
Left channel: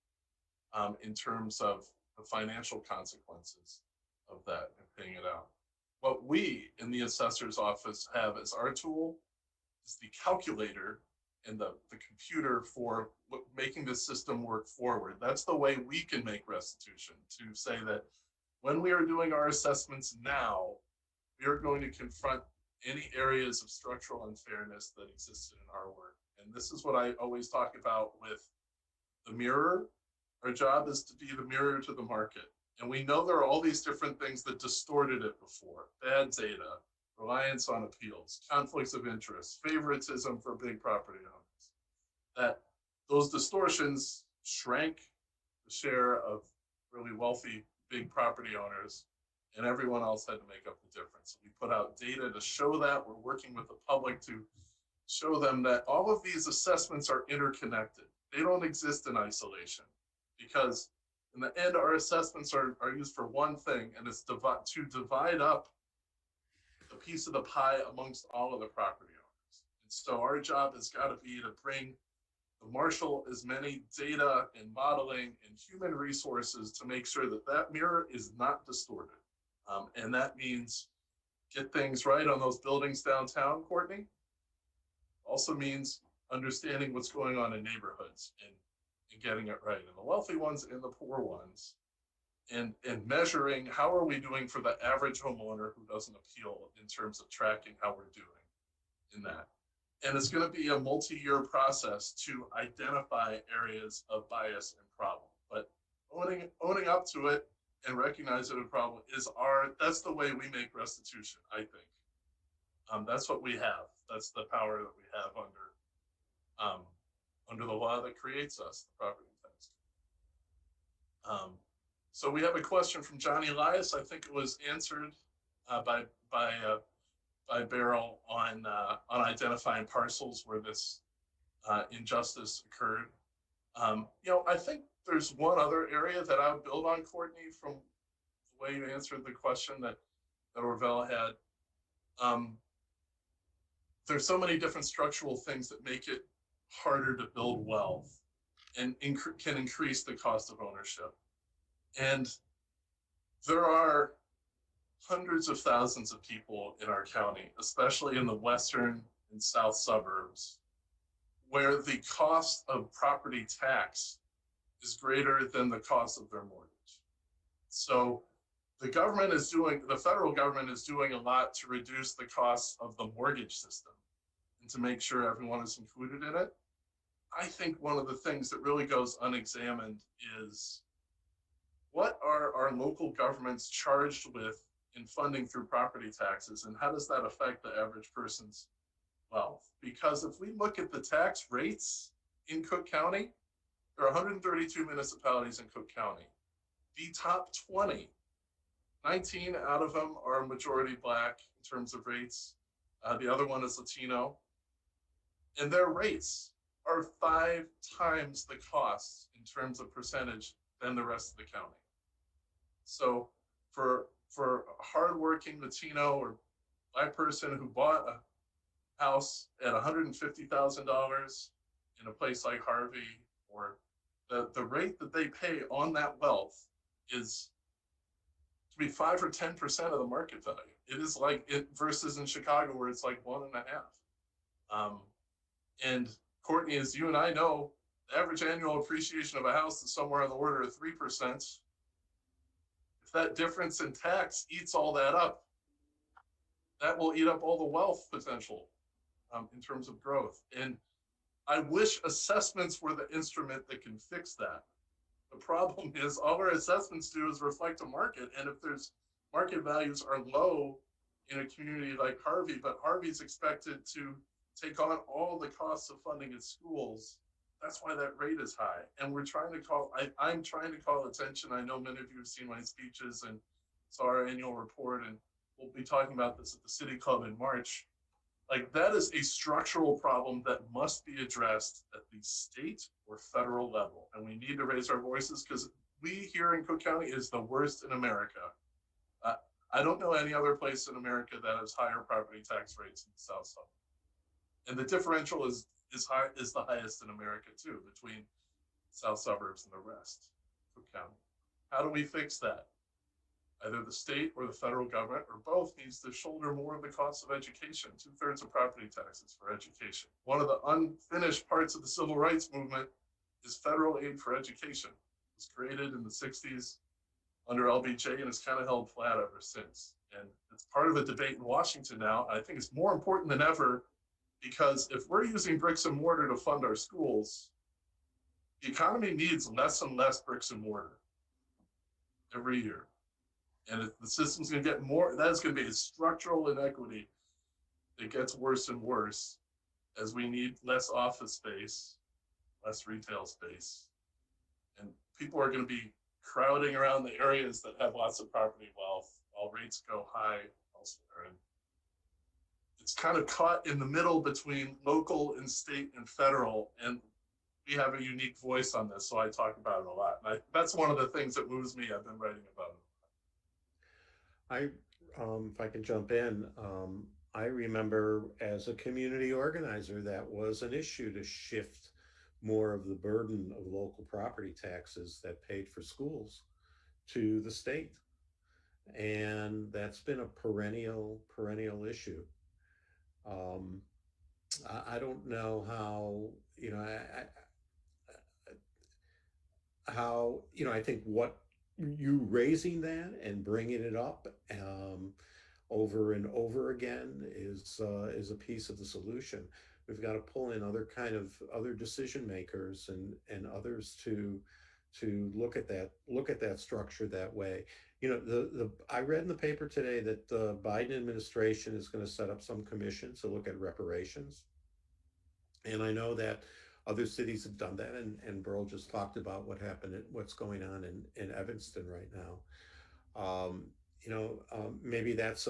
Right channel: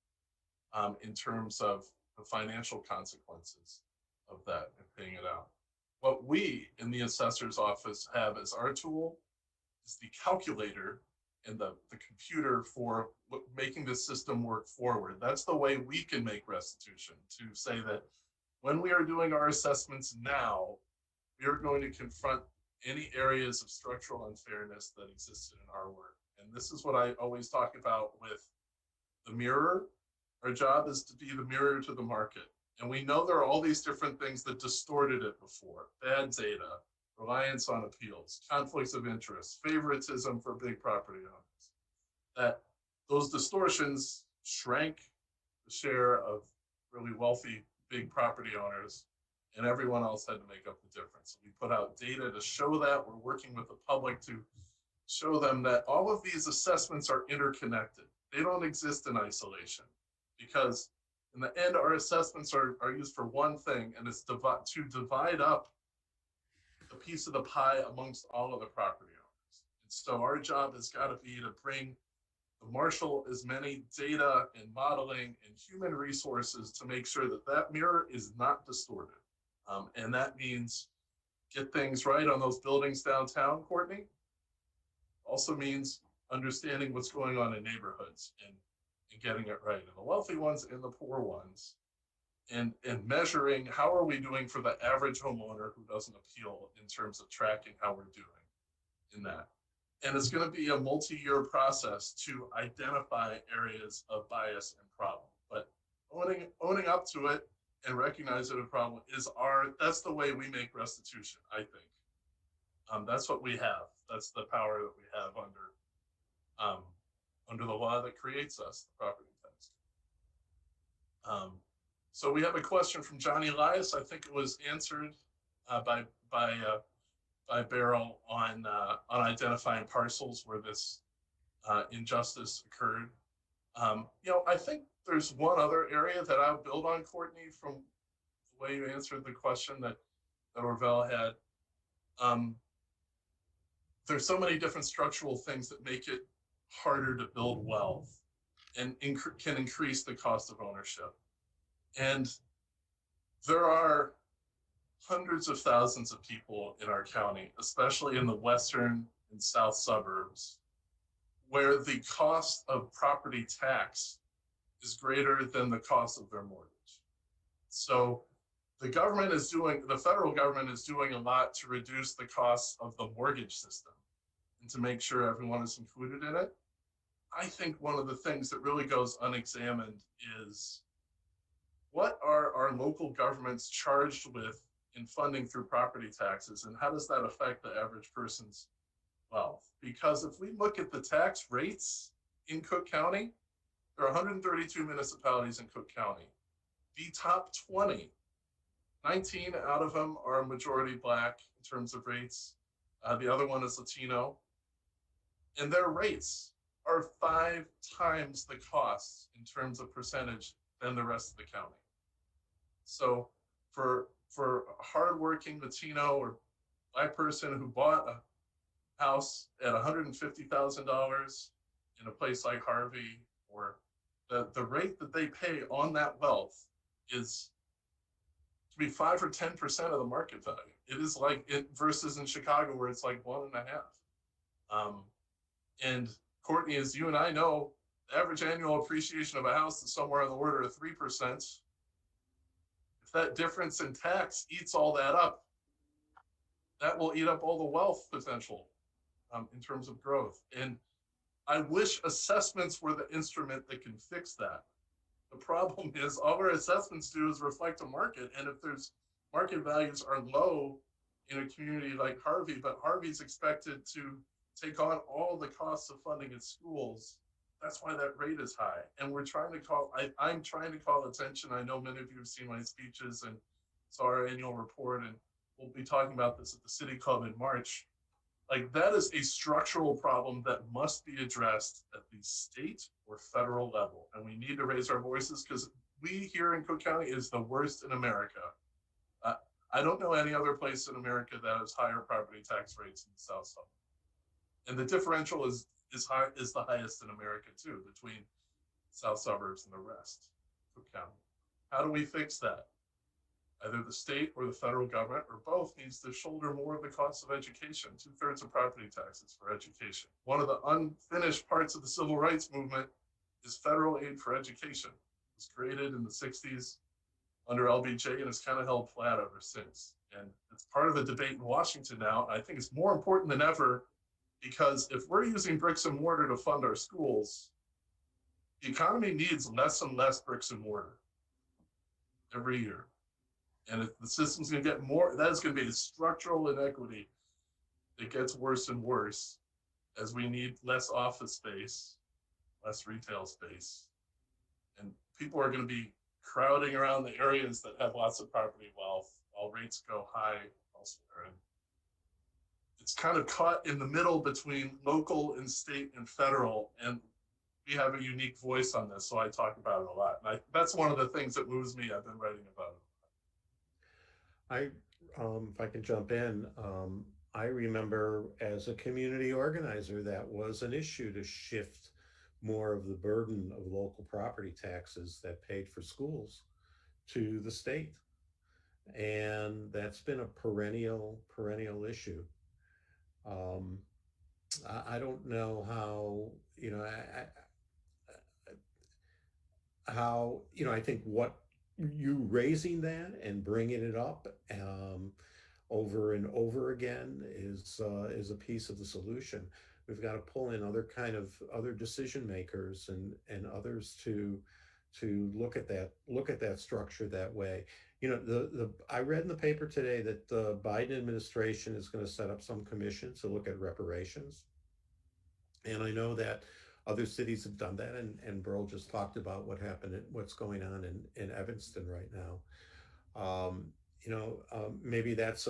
in terms of the financial consequences of that and paying it out. What we in the assessor's office have as our tool is the calculator and the computer for making the system work forward. That's the way we can make restitution, to say that when we are doing our assessments now, we are going to confront any areas of structural unfairness that existed in our work. And this is what I always talk about with the mirror. Our job is to be the mirror to the market. And we know there are all these different things that distorted it before: bad data, reliance on appeals, conflicts of interest, favoritism for big property owners. That those distortions shrank the share of really wealthy big property owners, and everyone else had to make up the difference. We put out data to show that. We're working with the public to show them that all of these assessments are interconnected. They don't exist in isolation, because in the end, our assessments are used for one thing, and it's to divide up the piece of the pie amongst all of the property owners. And so our job has got to be to bring the marshal as many data and modeling and human resources to make sure that that mirror is not distorted. And that means get things right on those buildings downtown, Courtney. Also means understanding what's going on in neighborhoods and getting it right, and the wealthy ones and the poor ones, and measuring how are we doing for the average homeowner who doesn't appeal in terms of tracking how we're doing in that. And it's going to be a multi-year process to identify areas of bias and problem, but owning up to it and recognizing a problem is that's the way we make restitution, I think. That's what we have. That's the power that we have under the law that creates us, the property tax. So we have a question from Johnny Elias. I think it was answered by Beryl on identifying parcels where this injustice occurred. I think there's one other area that I would build on, Courtney, from the way you answered the question that Orville had. There's so many different structural things that make it harder to build wealth and can increase the cost of ownership. And there are hundreds of thousands of people in our county, especially in the western and south suburbs, where the cost of property tax is greater than the cost of their mortgage. So the federal government is doing a lot to reduce the cost of the mortgage system and to make sure everyone is included in it. I think one of the things that really goes unexamined is what are our local governments charged with in funding through property taxes, and how does that affect the average person's wealth? Because if we look at the tax rates in Cook County, there are 132 municipalities in Cook County. The top 20, 19 out of them are majority Black in terms of rates. The other one is Latino. And their rates are 5 times the cost in terms of percentage than the rest of the county. So for a hardworking Latino or Black person who bought a house at $150,000 in a place like Harvey, or the rate that they pay on that wealth is to be 5 or 10% of the market value. It is like it versus in Chicago where it's like 1.5. And Courtney, as you and I know, the average annual appreciation of a house is somewhere on the order of 3%. If that difference in tax eats all that up, that will eat up all the wealth potential in terms of growth. And I wish assessments were the instrument that can fix that. The problem is all our assessments do is reflect a market. And if there's market values are low in a community like Harvey, but Harvey's expected to take on all the costs of funding its schools, that's why that rate is high. And we're trying to I'm trying to call attention. I know many of you have seen my speeches and saw our annual report, and we'll be talking about this at the City Club in March. Like, that is a structural problem that must be addressed at the state or federal level. And we need to raise our voices, because we here in Cook County is the worst in America. I don't know any other place in America that has higher property tax rates in the South Suburbs. And the differential is the highest in America too, between South Suburbs and the rest of Cook County. How do we fix that? Either the state or the federal government, or both, needs to shoulder more of the cost of education. 2/3 of property taxes for education. One of the unfinished parts of the civil rights movement is federal aid for education. It was created in the 60s under LBJ and has kind of held flat ever since. And it's part of the debate in Washington now. I think it's more important than ever, because if we're using bricks and mortar to fund our schools, the economy needs less and less bricks and mortar every year. And if the system's going to get more, that's going to be a structural inequity that gets worse and worse as we need less office space, less retail space. And people are going to be crowding around the areas that have lots of property wealth while rates go high elsewhere. And it's kind of caught in the middle between local and state and federal, and we have a unique voice on this, so I talk about it a lot. And that's one of the things that moves me. I've been writing about it. I, if I can jump in, I remember as a community organizer, that was an issue to shift more of the burden of local property taxes that paid for schools to the state. And that's been a perennial issue. Um, I don't know how, you know, how, you know, I think what you raising that and bringing it up over and over again is a piece of the solution. We've got to pull in other decision makers and others to look at that structure that way. You know, the I read in the paper today that the Biden administration is going to set up some commission to look at reparations. And I know that other cities have done that, and Beryl just talked about what's going on in Evanston right now. Maybe that's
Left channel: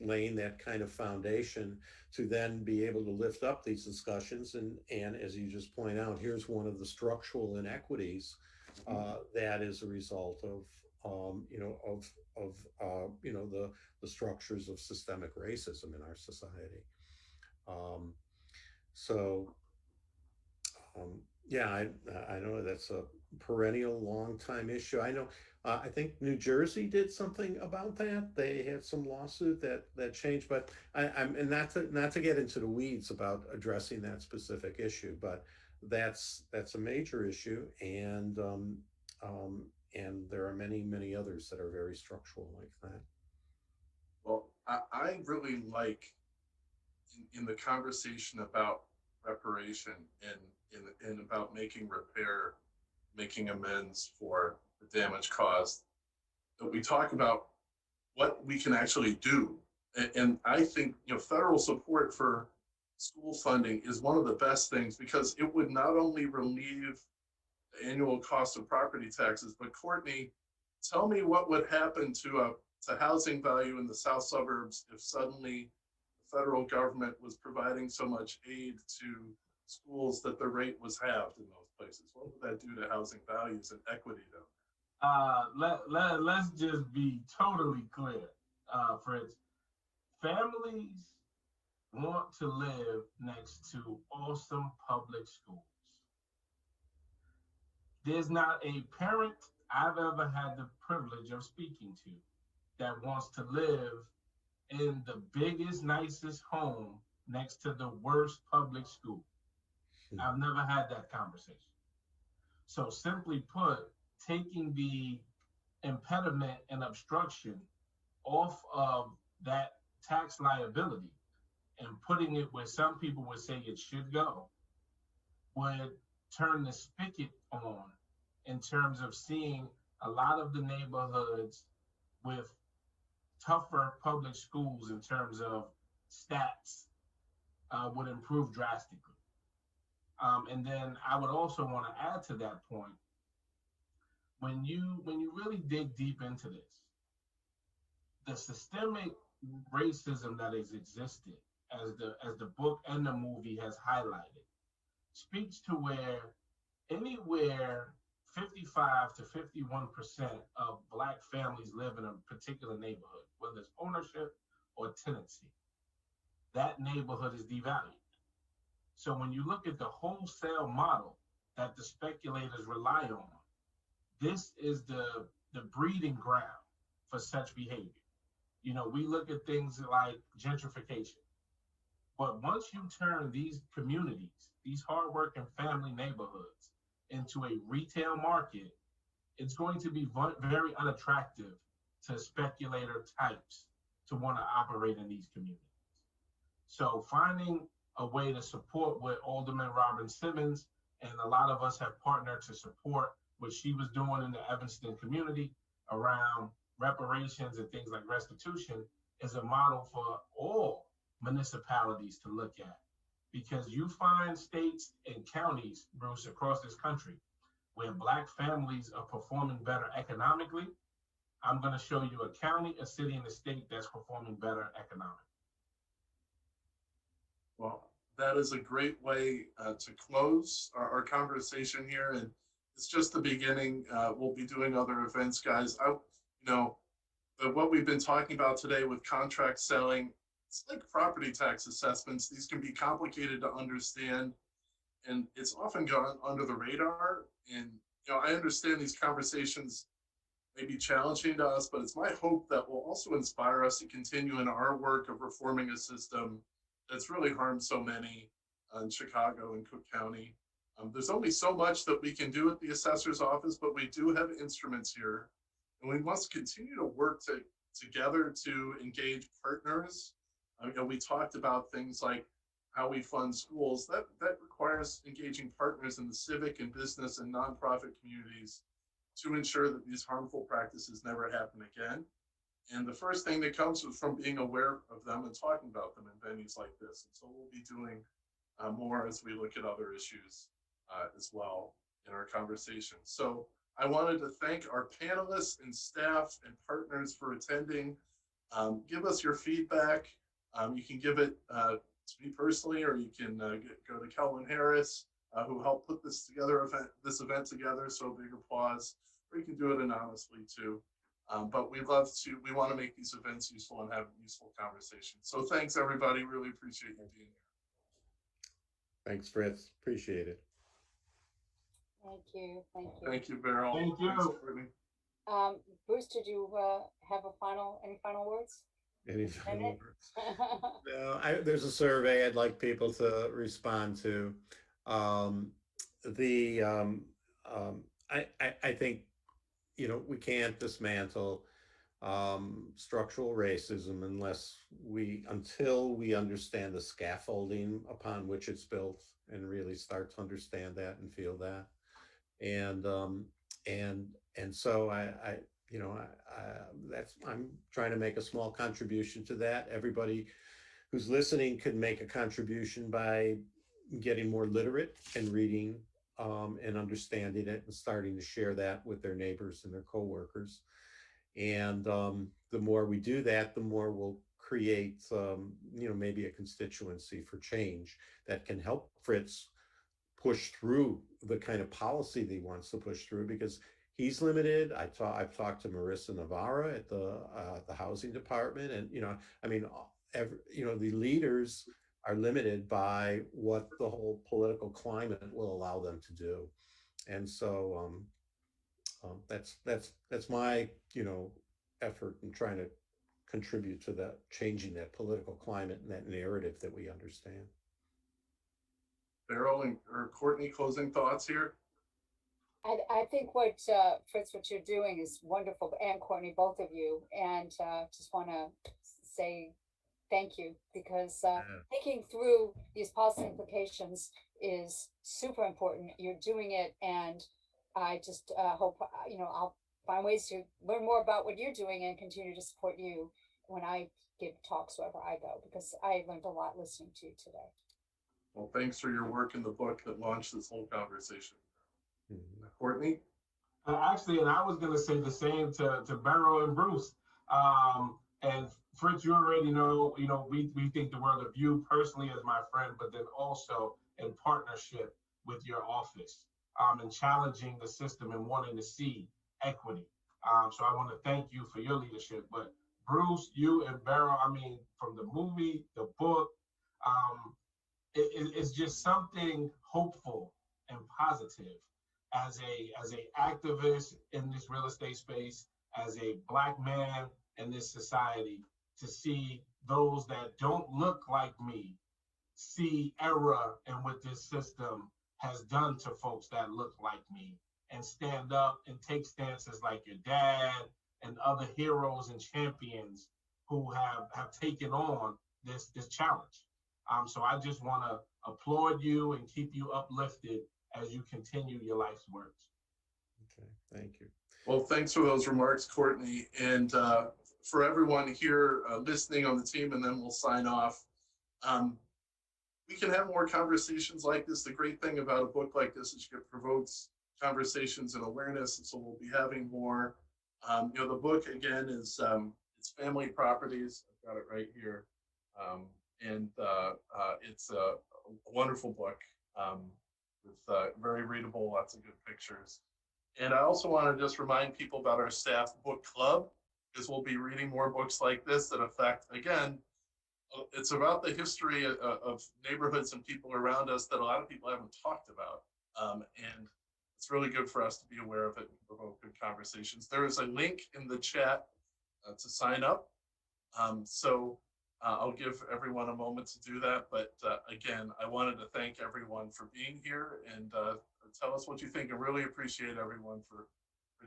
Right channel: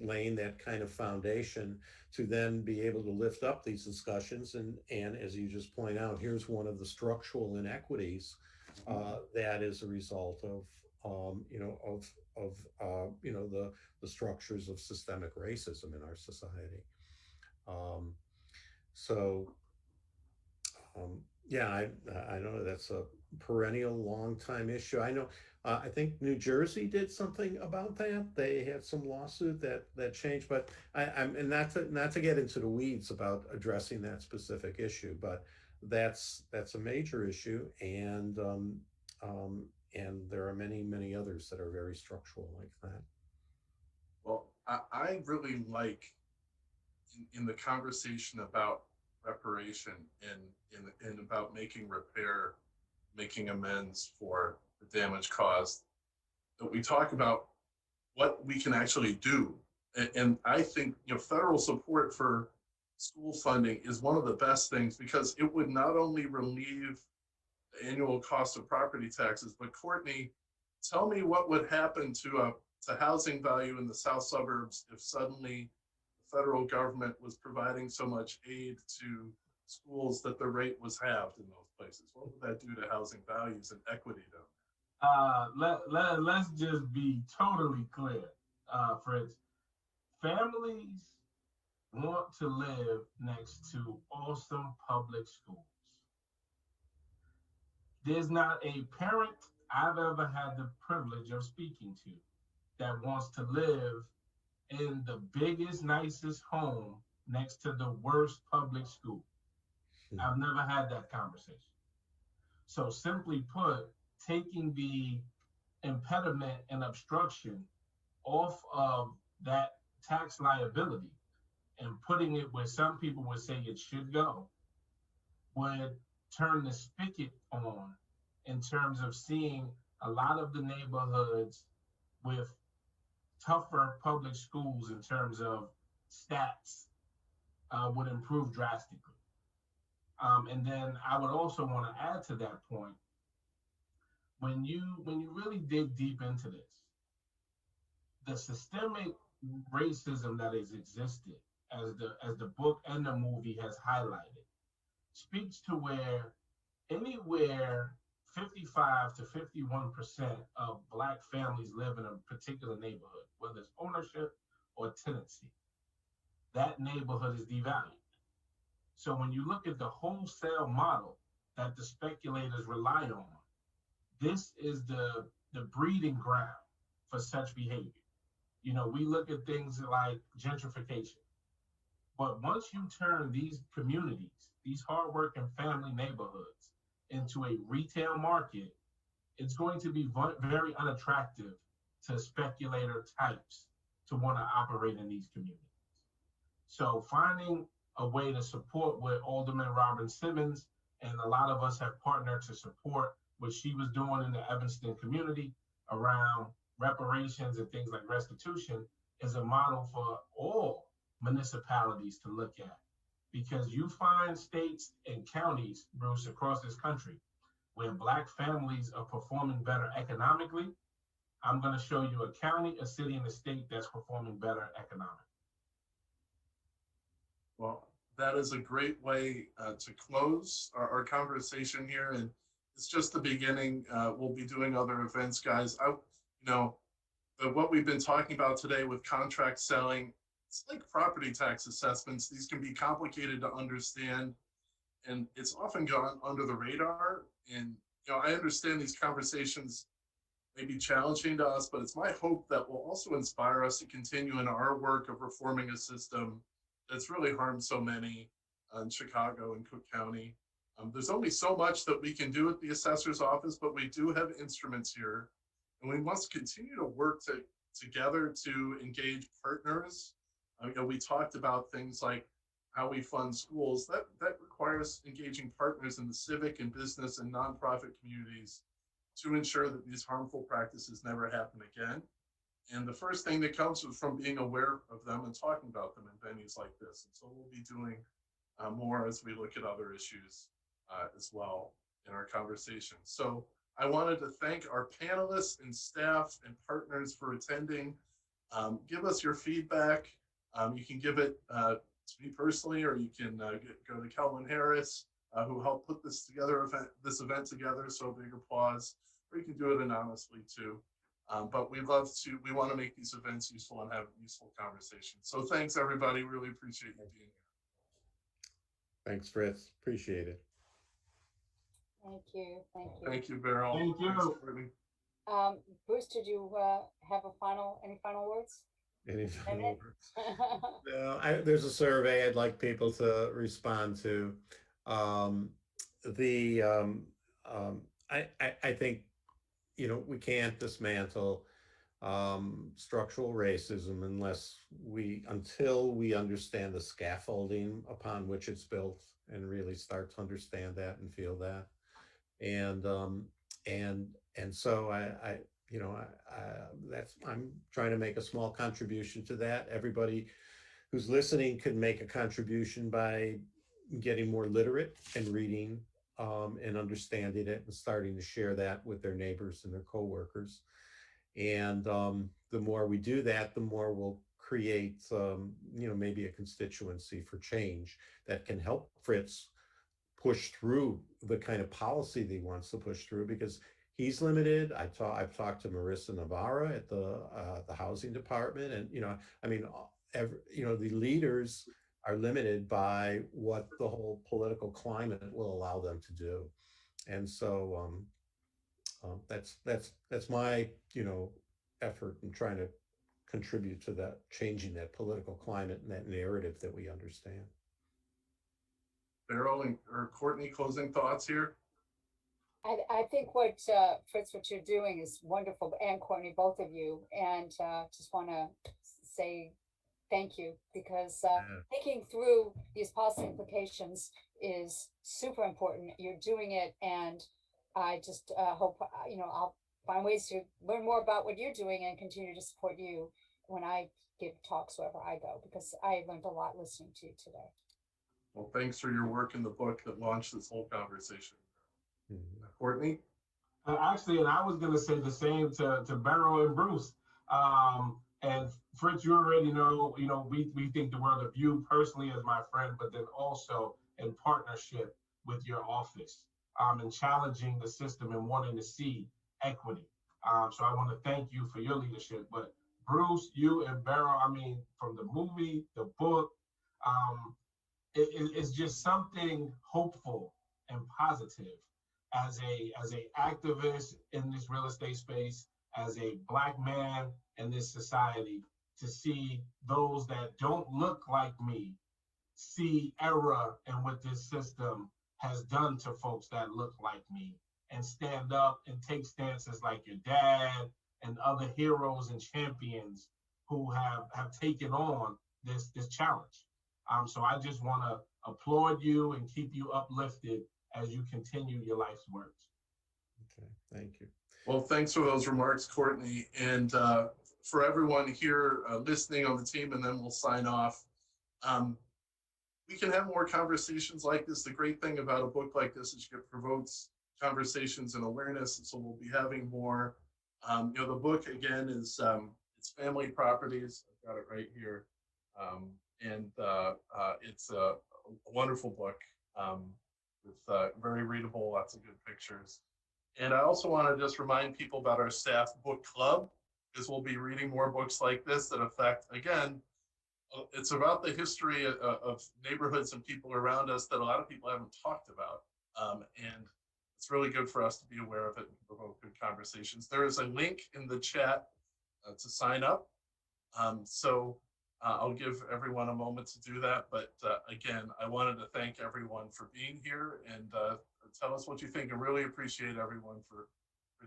laying that kind of foundation to then be able to lift up these discussions. And as you just point out, here's one of the structural inequities that is a result of the structures of systemic racism in our society. Um, so yeah, I know that's a perennial, long time issue. I know. I think New Jersey did something about that. They had some lawsuit that changed, but I'm and not to get into the weeds about addressing that specific issue, but that's a major issue, um, and there are many others that are very structural like that. Well, I really like in the conversation about reparation and about making repair, making amends for the damage caused, that we talk about what we can actually do. And I think, you know, federal support for school funding is one of the best things, because it would not only relieve the annual cost of property taxes, but Courtney, tell me what would happen to housing value in the south suburbs if suddenly the federal government was providing so much aid to schools that the rate was halved in those places. What would that do to housing values and equity down Let's just be totally clear, Fritz. Families want to live next to awesome public schools. There's not a parent I've ever had the privilege of speaking to that wants to live in the biggest, nicest home next to the worst public school. I've never had that conversation. So simply put, taking the impediment and obstruction off of that tax liability and putting it where some people would say it should go would turn the spigot on in terms of seeing a lot of the neighborhoods with tougher public schools in terms of stats would improve drastically. And then I would also want to add to that point, when you really dig deep into this, the systemic racism that has existed, as the book and the movie has highlighted, speaks to where anywhere 55 to 51% of Black families live in a particular neighborhood, whether it's ownership or tenancy, that neighborhood is devalued. So when you look at the wholesale model that the speculators rely on, this is the breeding ground for such behavior. You know, we look at things like gentrification. But once you turn these communities, these hardworking family neighborhoods, into a retail market, it's going to be very unattractive to speculator types to want to operate in these communities. So finding a way to support what Alderman Robin Simmons and a lot of us have partnered to support what she was doing in the Evanston community around reparations and things like restitution is a model for all municipalities to look at. Because you find states and counties, Bruce, across this country, where Black families are performing better economically. I'm going to show you a county, a city, and a state that's performing better economically. Well, that is a great way to close our conversation here, and it's just the beginning. We'll be doing other events, guys. But what we've been talking about today with contract selling, it's like property tax assessments. These can be complicated to understand, and it's often gone under the radar. And I understand these conversations may be challenging to us, but it's my hope that will also inspire us to continue in our work of reforming a system that's really harmed so many in Chicago and Cook County. There's only so much that we can do at the assessor's office, but we do have instruments here, and we must continue to work together to engage partners. We talked about things like how we fund schools. That requires engaging partners in the civic and business and nonprofit communities to ensure that these harmful practices never happen again. And the first thing that comes is from being aware of them and talking about them in venues like this. And so we'll be doing more as we look at other issues as well in our conversation. So I wanted to thank our panelists and staff and partners for attending. Give us your feedback. You can give it to me personally, or you can go to Kelvin Harris, who helped put this event together. So big applause. Or you can do it anonymously too. But we want to make these events useful and have useful conversations. So thanks everybody. Really appreciate you being here. Thanks, Fritz. Appreciate it. Thank you. Thank you. Thank you, Beryl. Thank you. Thanks, Courtney. Bruce, did you have any final words? Any final words? No, there's a survey I'd like people to respond to. I think, we can't dismantle structural racism until we understand the scaffolding upon which it's built and really start to understand that and feel that. And so I'm trying to make a small contribution to that. Everybody who's listening could make a contribution by getting more literate and reading and understanding it and starting to share that with their neighbors and their coworkers. And the more we do that, the more we'll create, maybe a constituency for change that can help Fritz push through the kind of policy that he wants to push through, because he's limited. I've talked to Marissa Navarra at the housing department, and the leaders are limited by what the whole political climate will allow them to do. And so that's my effort in trying to contribute to that, changing that political climate and that narrative that we understand. Beryl or Courtney, closing thoughts here? I think Fritz, what you're doing is wonderful, and Courtney, both of you, and just want to say thank you, because thinking through these policy implications is super important. You're doing it, and I just hope I'll find ways to learn more about what you're doing and continue to support you when I give talks wherever I go, because I learned a lot listening to you today. Well, thanks for your work in the book that launched this whole conversation. Mm-hmm. Courtney? Actually, and I was going to say the same to Beryl and Bruce. And Fritz, you already know, we think the world of you personally as my friend, but then also in partnership with your office and challenging the system and wanting to see equity. So I want to thank you for your leadership. But Bruce, you and Beryl, from the movie, the book, it's just something hopeful and positive as a activist in this real estate space, as a Black man in this society, to see those that don't look like me see error in what this system has done to folks that look like me, and stand up and take stances like your dad and other heroes and champions who have taken on this challenge. So I just want to applaud you and keep you uplifted as you continue your life's work. Okay, thank you. Well, thanks for those remarks, Courtney. And for everyone here listening on the team, and then we'll sign off. We can have more conversations like this. The great thing about a book like this is it provokes conversations and awareness, and so we'll be having more. The book, again, is it's Family Properties. I've got it right here. And it's a wonderful book with very readable, lots of good pictures. And I also want to just remind people about our staff book club, because we'll be reading more books like this that affect, again, it's about the history of neighborhoods and people around us that a lot of people haven't talked about. And it's really good for us to be aware of it and provoke good conversations. There is a link in the chat to sign up. I'll give everyone a moment to do that. But again, I wanted to thank everyone for being here and tell us what you think, and really appreciate everyone for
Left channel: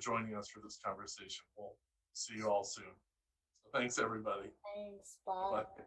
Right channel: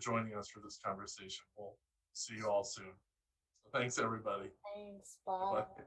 joining us for this conversation. We'll see you all soon. So thanks, everybody. Thanks, bye. Bye.